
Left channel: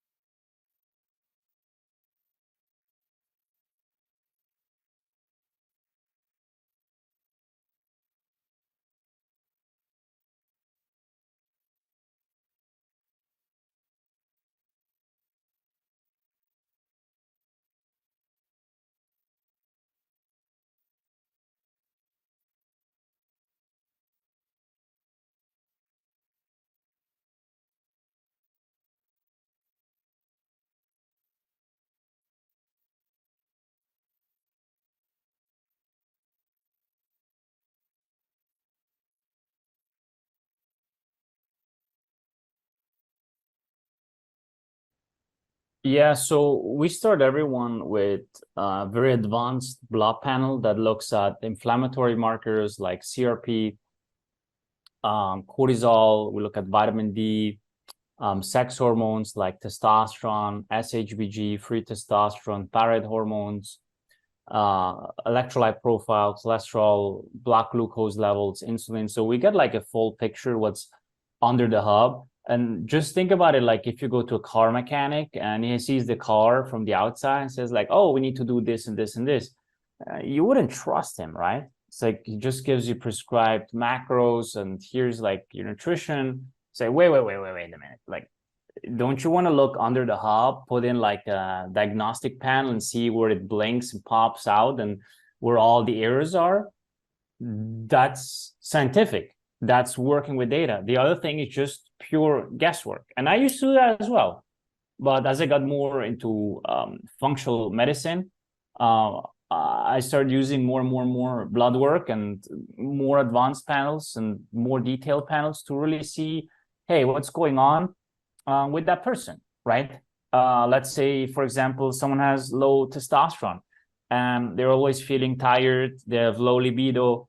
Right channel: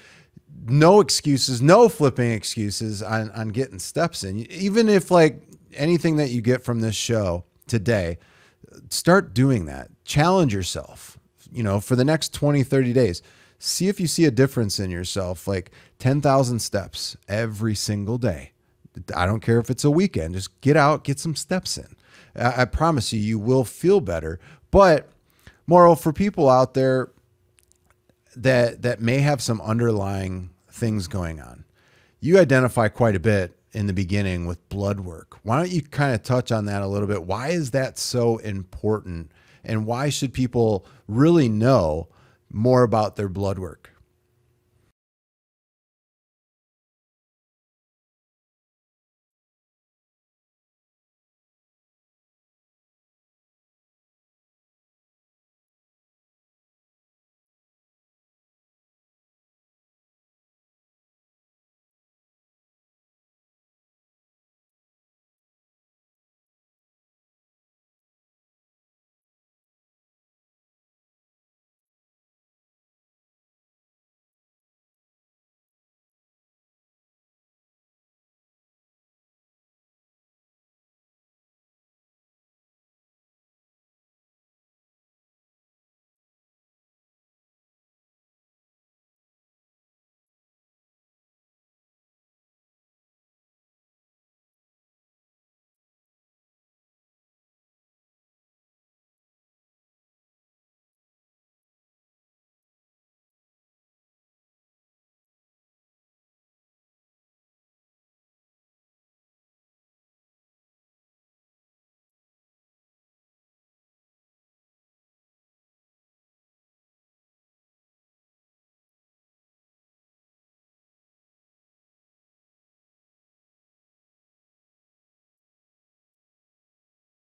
no excuses, no flipping excuses on getting steps in. Even if like anything that you get from this show today, start doing that. Challenge yourself, you know, for the next 20, 30 days. See if you see a difference in yourself, like 10,000 steps every single day. I don't care if it's a weekend, just get out, get some steps in. I promise you, you will feel better. But moral for people out there that may have some underlying things going on, you identify quite a bit in the beginning with blood work. Why don't you kind of touch on that a little bit? Why is that so important? And why should people really know more about their blood work? Yeah, so we start everyone with a very advanced blood panel that looks at inflammatory markers like CRP, cortisol. We look at vitamin D, sex hormones like testosterone, SHBG, free testosterone, thyroid hormones, electrolyte profile, cholesterol, blood glucose levels, insulin. So we get like a full picture what's under the hub. And just think about it, like if you go to a car mechanic and he sees the car from the outside and says like, oh, we need to do this and this and this, you wouldn't trust him, right? It's like he just gives you prescribed macros and here's like your nutrition. Say, wait a minute. Like, don't you want to look under the hub, put in like a diagnostic panel and see where it blinks and pops out and where all the errors are? That's scientific. That's working with data. The other thing is just pure guesswork. And I used to do that as well. But as I got more into functional medicine, I started using more blood work and more advanced panels and more detailed panels to really see, hey, what's going on with that person, right? Let's say, for example, someone has low testosterone and they're always feeling tired, they have low libido,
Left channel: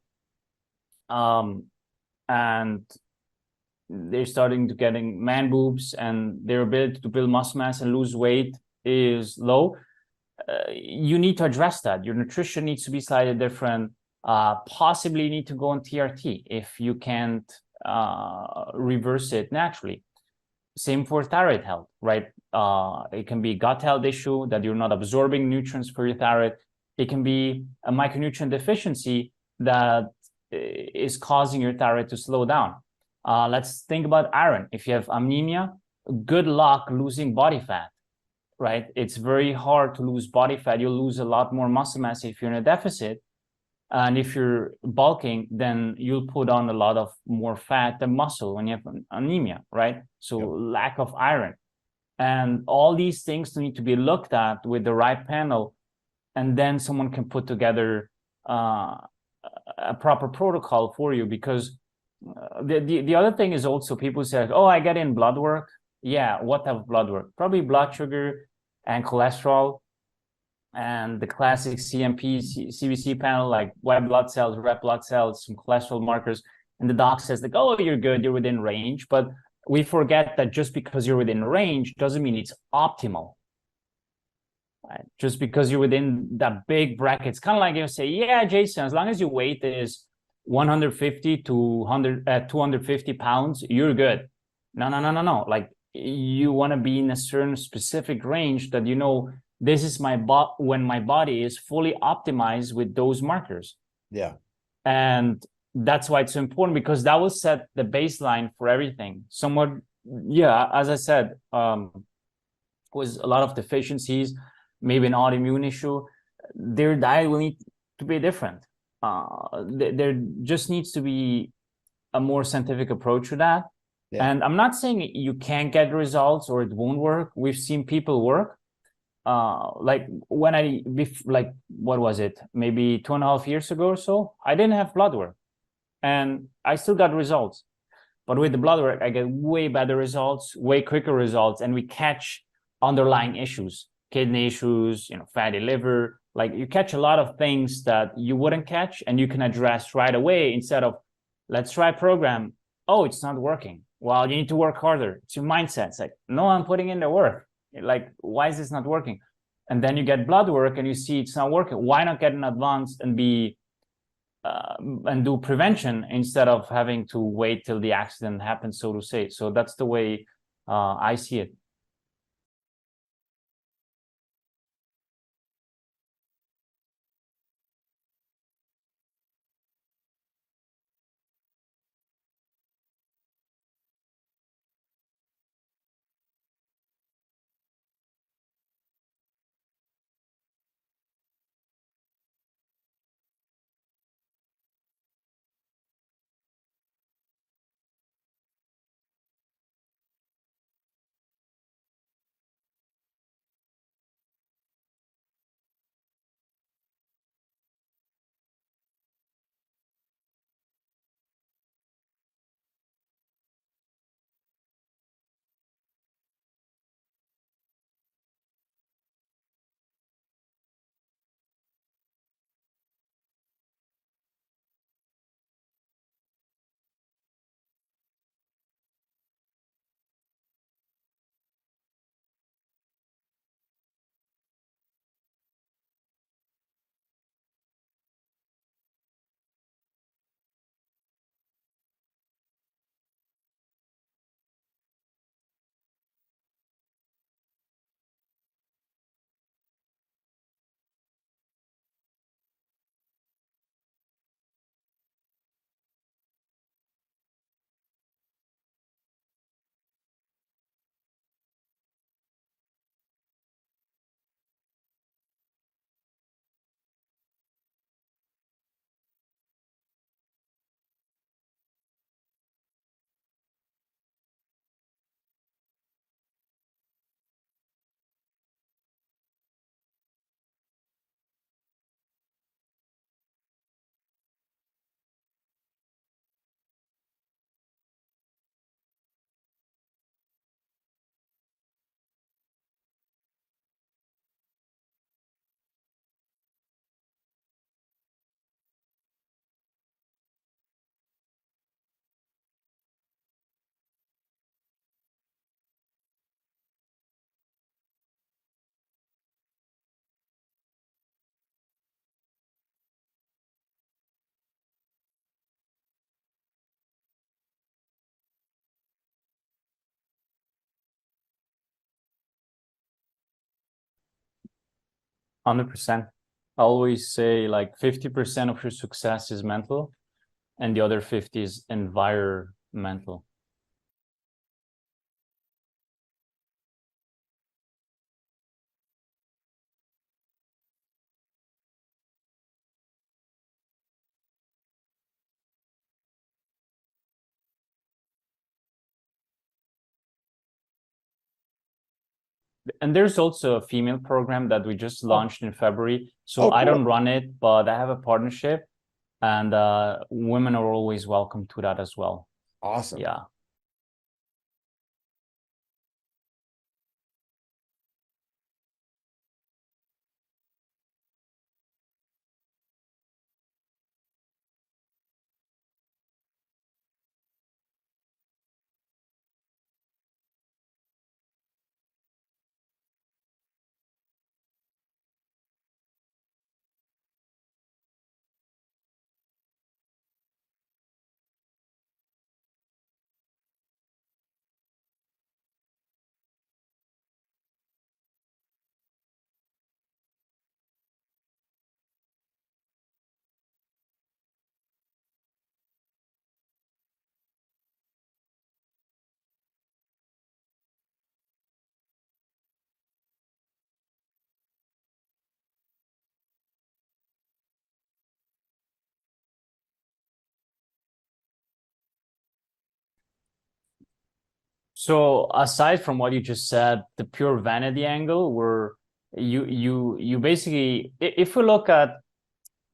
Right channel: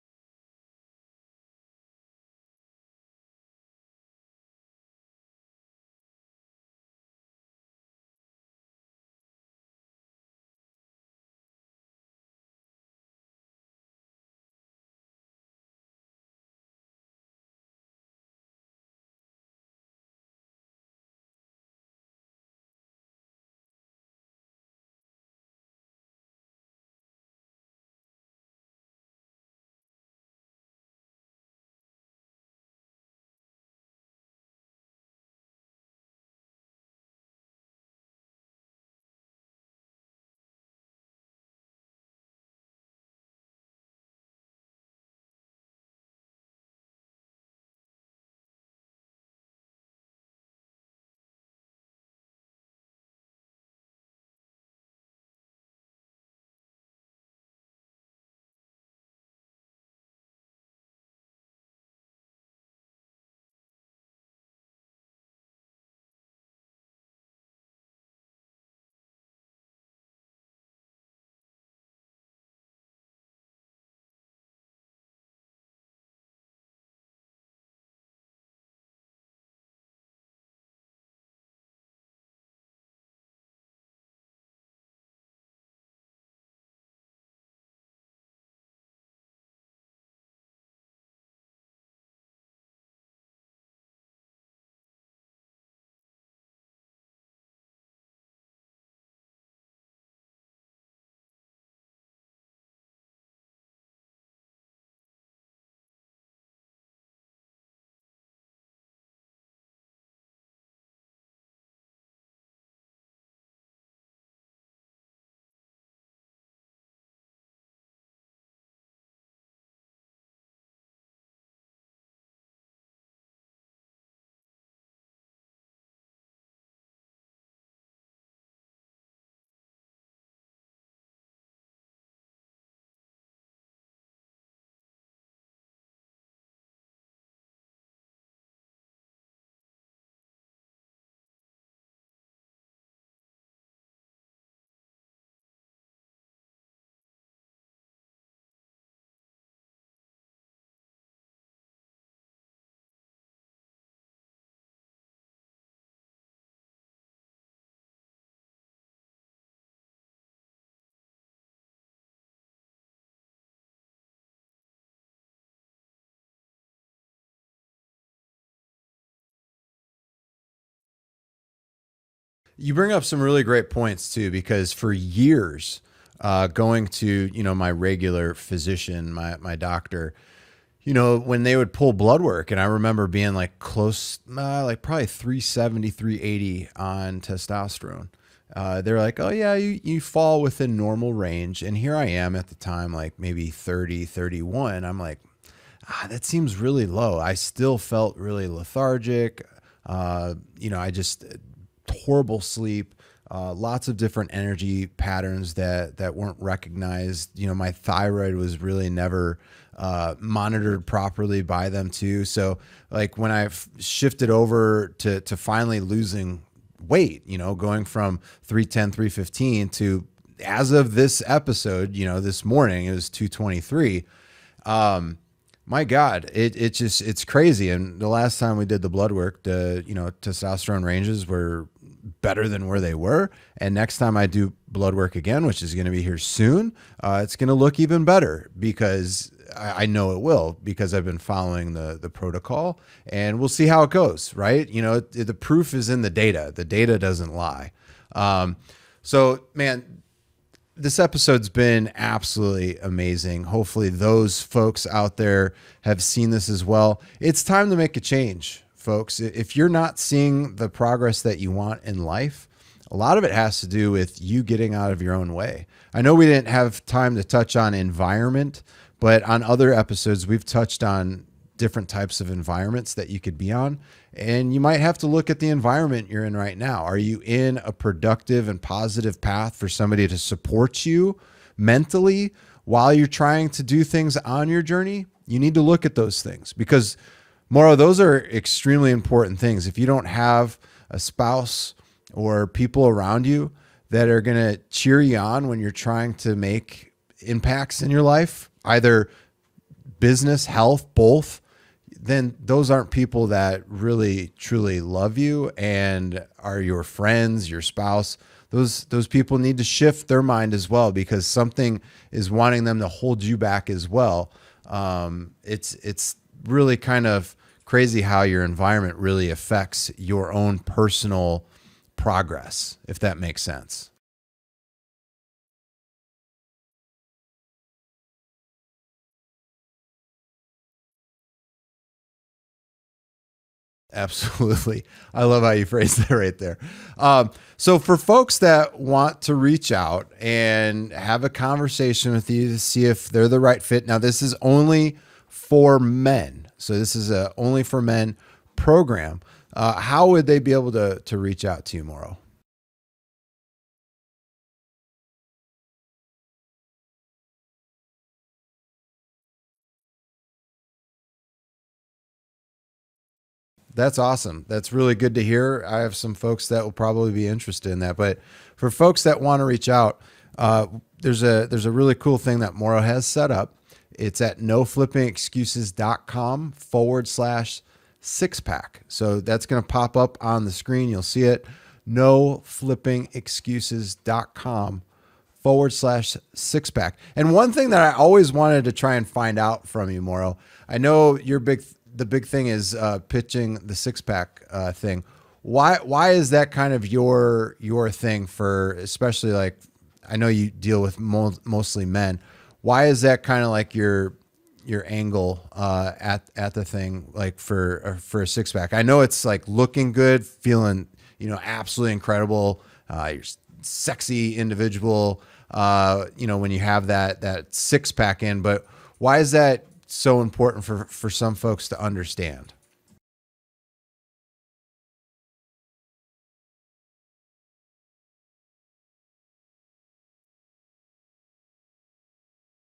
and they're starting to getting man boobs and their ability to build muscle mass and lose weight is low. You need to address that. Your nutrition needs to be slightly different. Possibly you need to go on TRT if you can't reverse it naturally. Same for thyroid health, right? It can be gut health issue that you're not absorbing nutrients for your thyroid. It can be a micronutrient deficiency that is causing your thyroid to slow down. Let's think about iron. If you have anemia, good luck losing body fat, right? It's very hard to lose body fat. You'll lose a lot more muscle mass if you're in a deficit. And if you're bulking, then you'll put on a lot of more fat than muscle when you have anemia, right? So lack of iron. And all these things need to be looked at with the right panel. And then someone can put together a proper protocol for you. Because the other thing is also people say, oh, I get in blood work. Yeah, what type of blood work? Probably blood sugar and cholesterol, and the classic CMP, CBC panel, like white blood cells, red blood cells, some cholesterol markers. And the doc says, like, oh, you're good, you're within range. But we forget that just because you're within range doesn't mean it's optimal. Right? Just because you're within that big bracket, it's kind of like you say, yeah, Jason, as long as your weight is 150 to 250 pounds, you're good. No. Like, you want to be in a certain specific range that you know, this is when my body is fully optimized with those markers. Yeah. And that's why it's important, because that will set the baseline for everything. Somewhat, yeah, as I said, was a lot of deficiencies, maybe an autoimmune issue. Their diet will need to be different. There just needs to be a more scientific approach to that. Yeah. And I'm not saying you can't get results or it won't work. We've seen people work. Like when what was it? Maybe 2.5 years ago or so, I didn't have blood work and I still got results. But with the blood work, I get way better results, way quicker results, and we catch underlying issues, kidney issues, fatty liver. Like, you catch a lot of things that you wouldn't catch and you can address right away, instead of, let's try a program. Oh, it's not working. Well, you need to work harder. It's your mindset. It's like, no, I'm putting in the work. Like, why is this not working? And then you get blood work and you see it's not working. Why not get in advance and do prevention instead of having to wait till the accident happens, so to say? So that's the way I see it. You bring up some really great points too, because for years, going to, my regular physician, my doctor, when they would pull blood work, and I remember being like close, like probably 370, 380 on testosterone. They're like, oh yeah, you fall within normal range. And here I am at the time, like maybe 30, 31. I'm like, that seems really low. I still felt really lethargic. I just horrible sleep, lots of different energy patterns that weren't recognized. My thyroid was really never monitored properly by them too. So like when I shifted over to finally losing weight, going from 310, 315 to, as of this episode, this morning, it was 223. My God, it's crazy. And the last time we did the blood work, the, testosterone ranges were better than where they were. And next time I do blood work again, which is going to be here soon, it's going to look even better, because I know it will, because I've been following the protocol, and we'll see how it goes. Right. The proof is in the data. The data doesn't lie. So man, this episode's been absolutely amazing. Hopefully those folks out there have seen this as well. It's time to make a change, folks. If you're not seeing the progress that you want in life, a lot of it has to do with you getting out of your own way. I know we didn't have time to touch on environment, but on other episodes, we've touched on different types of environments that you could be on. And you might have to look at the environment you're in right now. Are you in a productive and positive path for somebody to support you mentally while you're trying to do things on your journey? You need to look at those things, because Mauro, those are extremely important things. If you don't have a spouse or people around you that are going to cheer you on when you're trying to make impacts in your life, either business, health, both, then those aren't people that really truly love you and are your friends, your spouse. Those people need to shift their mind as well, because something is wanting them to hold you back as well. It's really kind of crazy how your environment really affects your own personal progress, if that makes sense. 100%. I always say like 50% of your success is mental and the other 50 is environmental. Absolutely. I love how you phrased that right there. So for folks that want to reach out and have a conversation with you to see if they're the right fit. Now, this is only for men. So this is a only for men program. How would they be able to reach out to you, Mauro? And there's also a female program that we just launched in February. So I cool. don't run it, but I have a partnership, and women are always welcome to that as well. Awesome. Yeah. That's awesome. That's really good to hear. I have some folks that will probably be interested in that. But for folks that want to reach out, there's a really cool thing that Mauro has set up. It's at noflippingexcuses.com/six-pack. So that's going to pop up on the screen. You'll see it. noflippingexcuses.com/six-pack. And one thing that I always wanted to try and find out from you, Mauro, I know the big thing is pitching the six-pack thing. Why is that kind of your thing for, especially like, I know you deal with mostly men. Why is that kind of like your angle at the thing, like for a six-pack? I know it's like looking good, feeling, absolutely incredible. You're sexy individual, when you have that six-pack in, but why is that so important for some folks to understand? So aside from what you just said, the pure vanity angle, where you basically, if we look at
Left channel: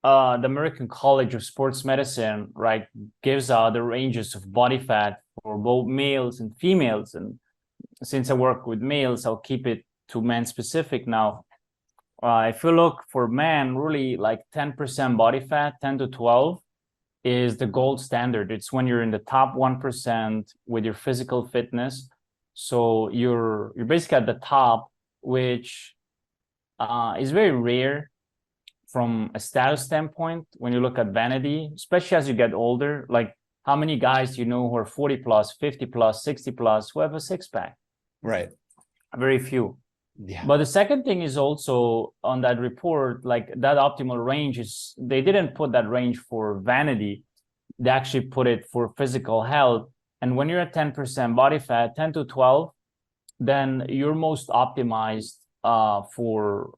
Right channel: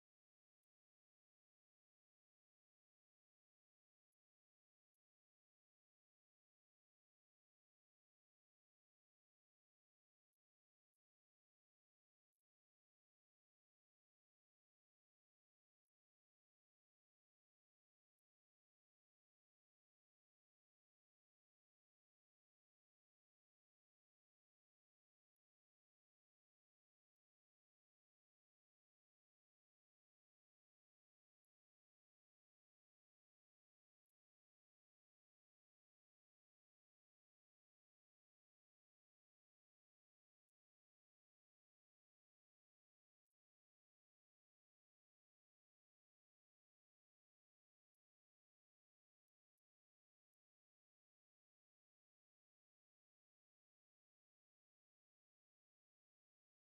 the American College of Sports Medicine, right, gives out the ranges of body fat for both males and females. And since I work with males, I'll keep it to men specific now. If you look for men, really like 10% body fat, 10 to 12 is the gold standard. It's when you're in the top 1% with your physical fitness. So you're basically at the top, which is very rare from a status standpoint when you look at vanity, especially as you get older. Like, how many guys do you know who are 40 plus, 50 plus, 60 plus, who have a six-pack? Right. Very few. Yeah. But the second thing is also on that report, like that optimal range is, they didn't put that range for vanity. They actually put it for physical health. And when you're at 10% body fat, 10 to 12, then you're most optimized for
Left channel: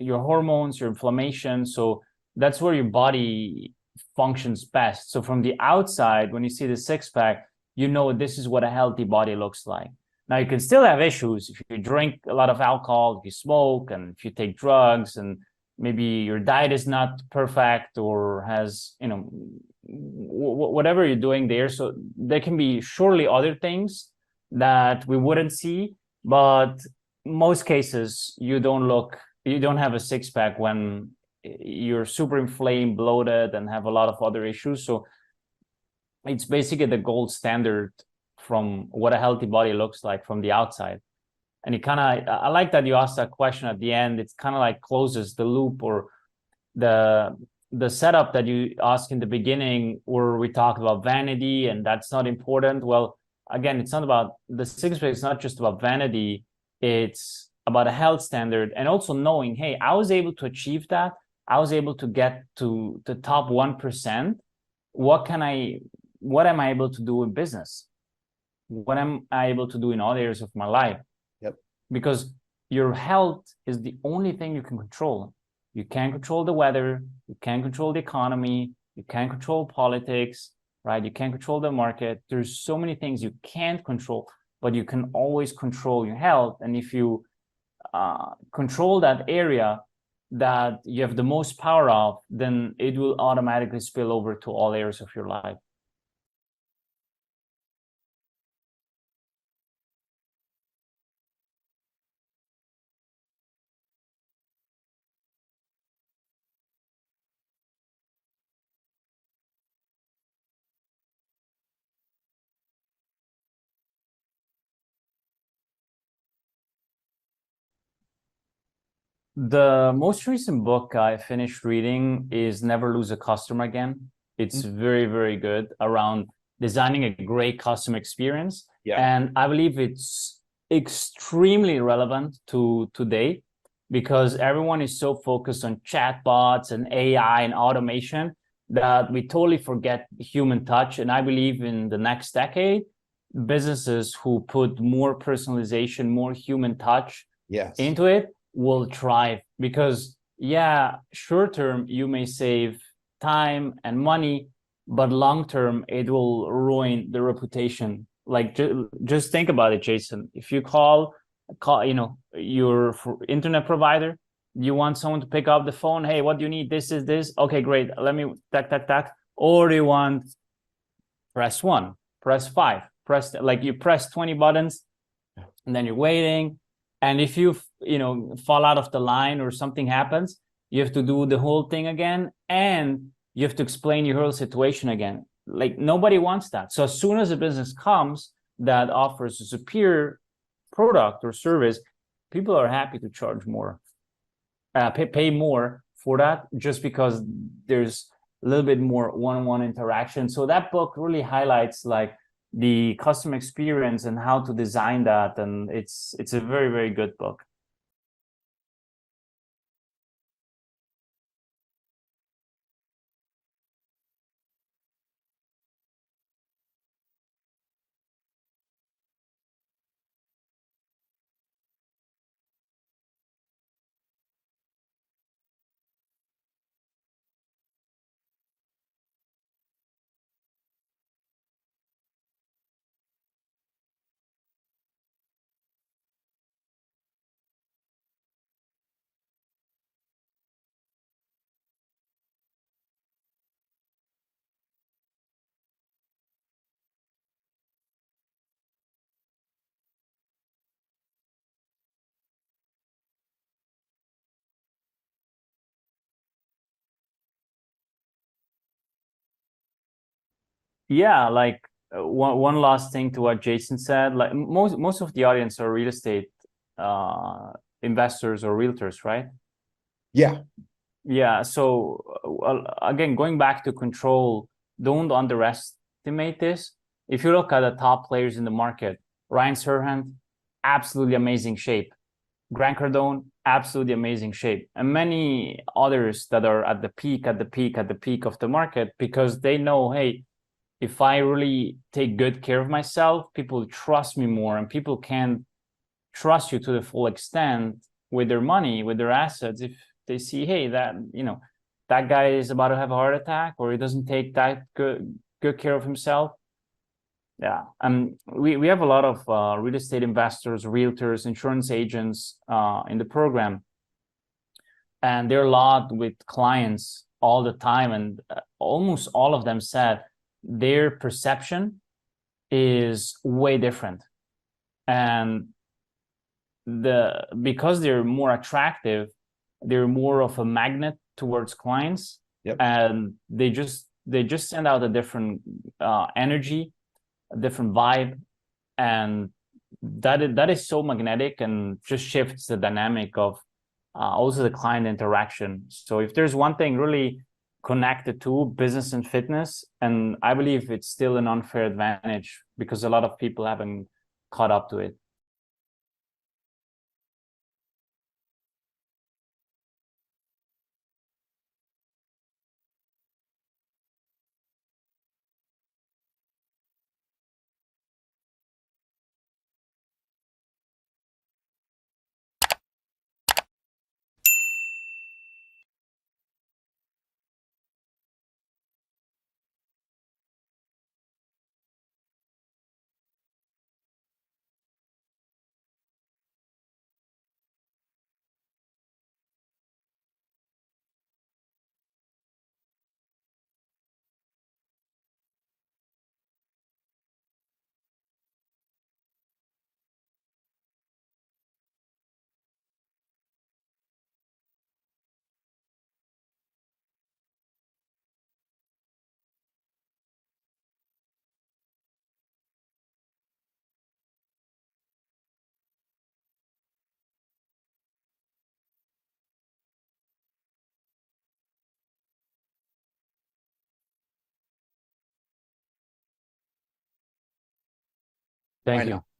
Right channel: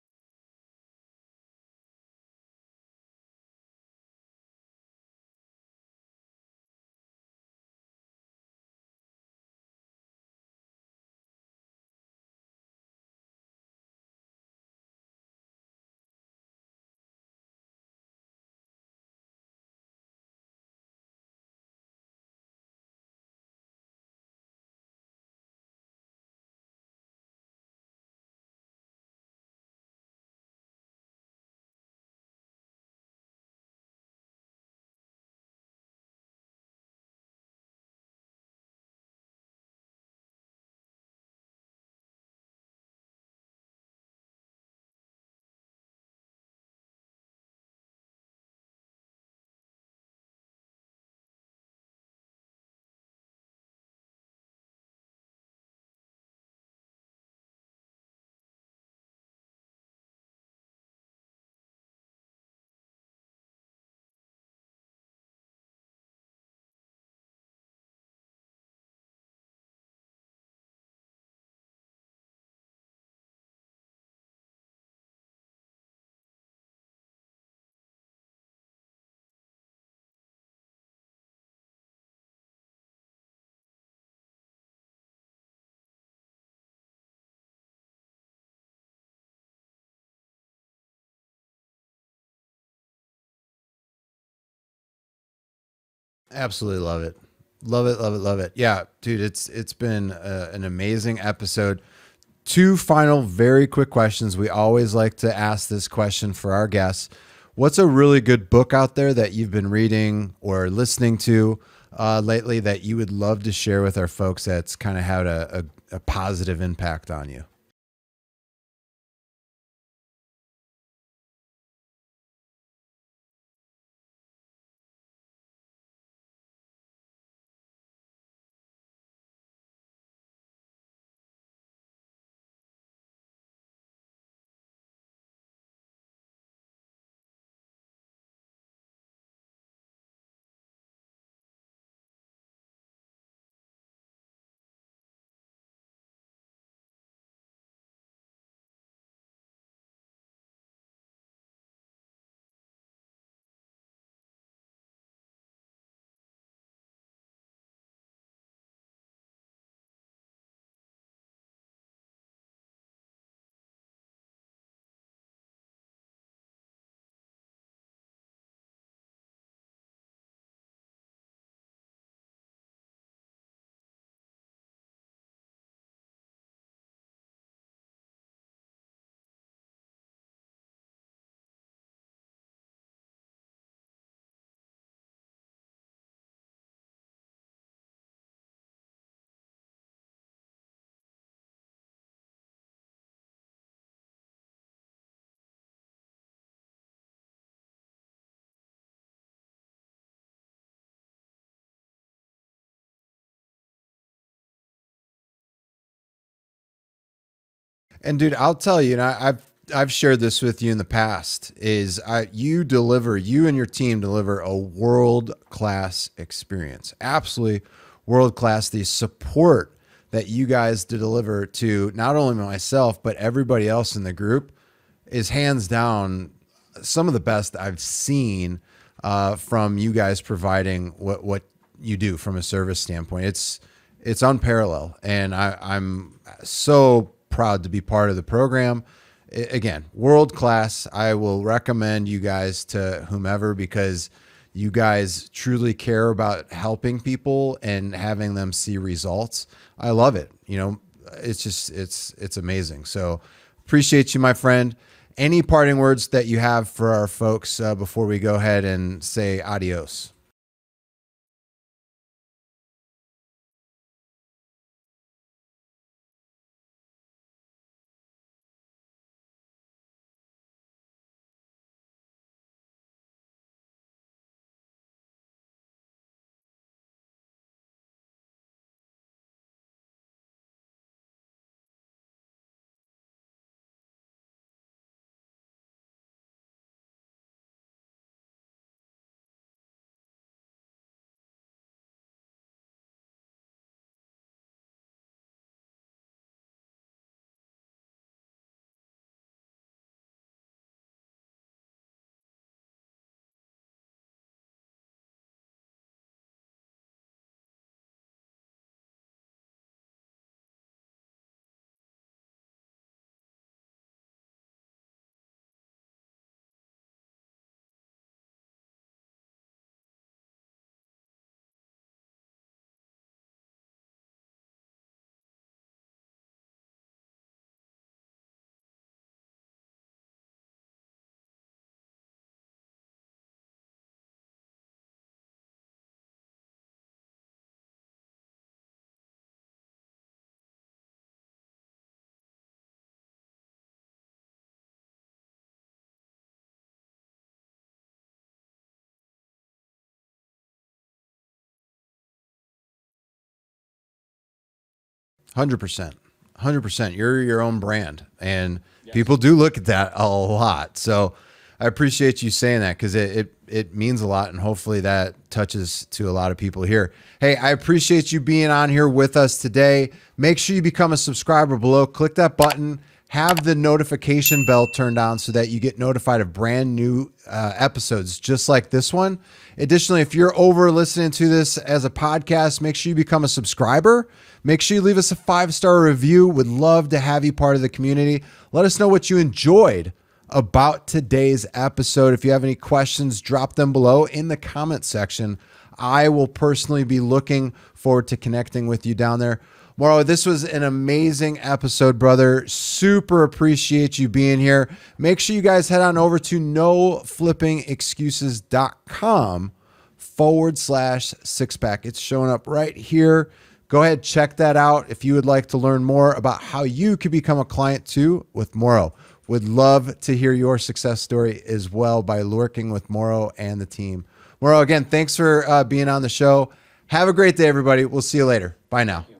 your hormones, your inflammation. So that's where your body functions best. So from the outside, when you see the six-pack, this is what a healthy body looks like. Now, you can still have issues if you drink a lot of alcohol, if you smoke, and if you take drugs, and maybe your diet is not perfect or has, whatever you're doing there. So there can be surely other things that we wouldn't see, but most cases you don't have a six-pack when you're super inflamed, bloated, and have a lot of other issues. So it's basically the gold standard from what a healthy body looks like from the outside. And I like that you asked that question at the end. It's kind of like closes the loop, or the setup that you asked in the beginning, where we talked about vanity and that's not important. Well, again, it's not about the six-pack. It's not just about vanity. It's about a health standard, and also knowing, hey, I was able to achieve that. I was able to get to the top 1%. What am I able to do in business? What am I able to do in all areas of my life? Yep. Because your health is the only thing you can control. You can't control the weather. You can't control the economy. You can't control politics, right? You can't control the market. There's so many things you can't control, but you can always control your health. And if you control that area that you have the most power of, then it will automatically spill over to all areas of your life. Absolutely love it. Love it, love it, love it. Yeah, dude, it's been an amazing episode. Two final very quick questions. We always like to ask this question for our guests. What's a really good book out there that you've been reading or listening to lately that you would love to share with our folks that's kind of had a positive impact on you? The most recent book I finished reading is Never Lose a Customer Again. It's very, very good, around designing a great customer experience. Yeah. And I believe it's extremely relevant to today because everyone is so focused on chatbots and AI and automation that we totally forget human touch. And I believe in the next decade, businesses who put more personalization, more human touch Yes. into it will thrive because yeah, short term you may save time and money, but long term it will ruin the reputation. Like just think about it, Jason. If you call your internet provider, you want someone to pick up the phone, hey, what do you need? This is this. Okay, great. Let me tack. Or do you want press 1, press 5, press, like you press 20 buttons and then you're waiting. And if you fall out of the line or something happens, you have to do the whole thing again, and you have to explain your whole situation again. Like nobody wants that. So as soon as a business comes that offers a superior product or service, people are happy to charge more, pay more for that, just because there's a little bit more one-on-one interaction. So that book really highlights like the customer experience and how to design that, and it's a very, very good book. And dude, I'll tell you, and I've shared this with you in the past, is you and your team deliver a world-class experience. Absolutely world-class. The support that you guys deliver to not only myself, but everybody else in the group is hands down some of the best I've seen from you guys providing what you do from a service standpoint. It's unparalleled. And I'm so proud to be part of the program. Again, world-class. I will recommend you guys to whomever, because you guys truly care about helping people and having them see results. I love it. It's amazing. So appreciate you, my friend. Any parting words that you have for our folks before we go ahead and say adios? Yeah, like one last thing to what Jason said. Like most of the audience are real estate investors or realtors, right? Yeah. Yeah. So again, going back to control, don't underestimate this. If you look at the top players in the market, Ryan Serhant, absolutely amazing shape. Grant Cardone, absolutely amazing shape. And many others that are at the peak of the market, because they know, hey, if I really take good care of myself, people trust me more, and people can trust you to the full extent with their money, with their assets. If they see, hey, that guy is about to have a heart attack, or he doesn't take that good care of himself. Yeah, we have a lot of real estate investors, realtors, insurance agents in the program, and they're logged with clients all the time, and almost all of them said their perception is way different, and because they're more attractive, they're more of a magnet towards clients. Yep. And they just send out a different energy, a different vibe, and that is so magnetic and just shifts the dynamic of also the client interaction. So if there's one thing really connected to business and fitness, and I believe it's still an unfair advantage because a lot of people haven't caught up to it. 100%. 100%. You're your own brand, and Yes. people do look at that a lot. So I appreciate you saying that, because it means a lot, and hopefully that touches to a lot of people here. Hey, I appreciate you being on here with us today. Make sure you become a subscriber below. Click that button. Have the notification bell turned on so that you get notified of brand new episodes just like this one. Additionally, if you're over listening to this as a podcast, make sure you become a subscriber. Make sure you leave us a 5-star review. Would love to have you part of the community. Let us know what you enjoyed about today's episode. If you have any questions, drop them below in the comment section. I will personally be looking forward to connecting with you down there. Mauro, this was an amazing episode, brother. Super appreciate you being here. Make sure you guys head on over to noflippingexcuses.com/sixpack. It's showing up right here. Go ahead, check that out if you would like to learn more about how you could become a client too with Mauro. Would love to hear your success story as well by working with Mauro and the team. Mauro, again, thanks for being on the show. Have a great day, everybody. We'll see you later. Bye Thank now. you.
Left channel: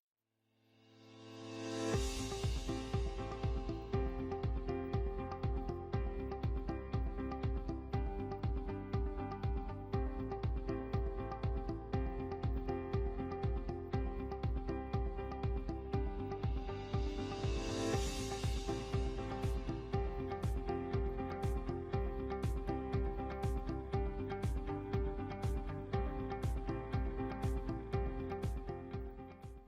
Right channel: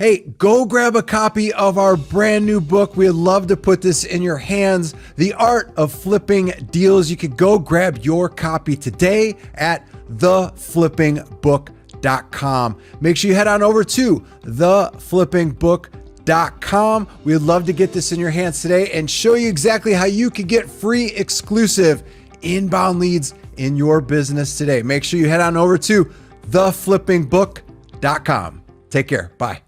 Hey, go grab a copy of our brand new book. We'd love to put this in your hands, The Art of Flipping Deals. You could go grab your copy today at theflippingbook.com. Make sure you head on over to theflippingbook.com. We'd love to get this in your hands today and show you exactly how you can get free exclusive inbound leads in your business today. Make sure you head on over to theflippingbook.com. Take care. Bye.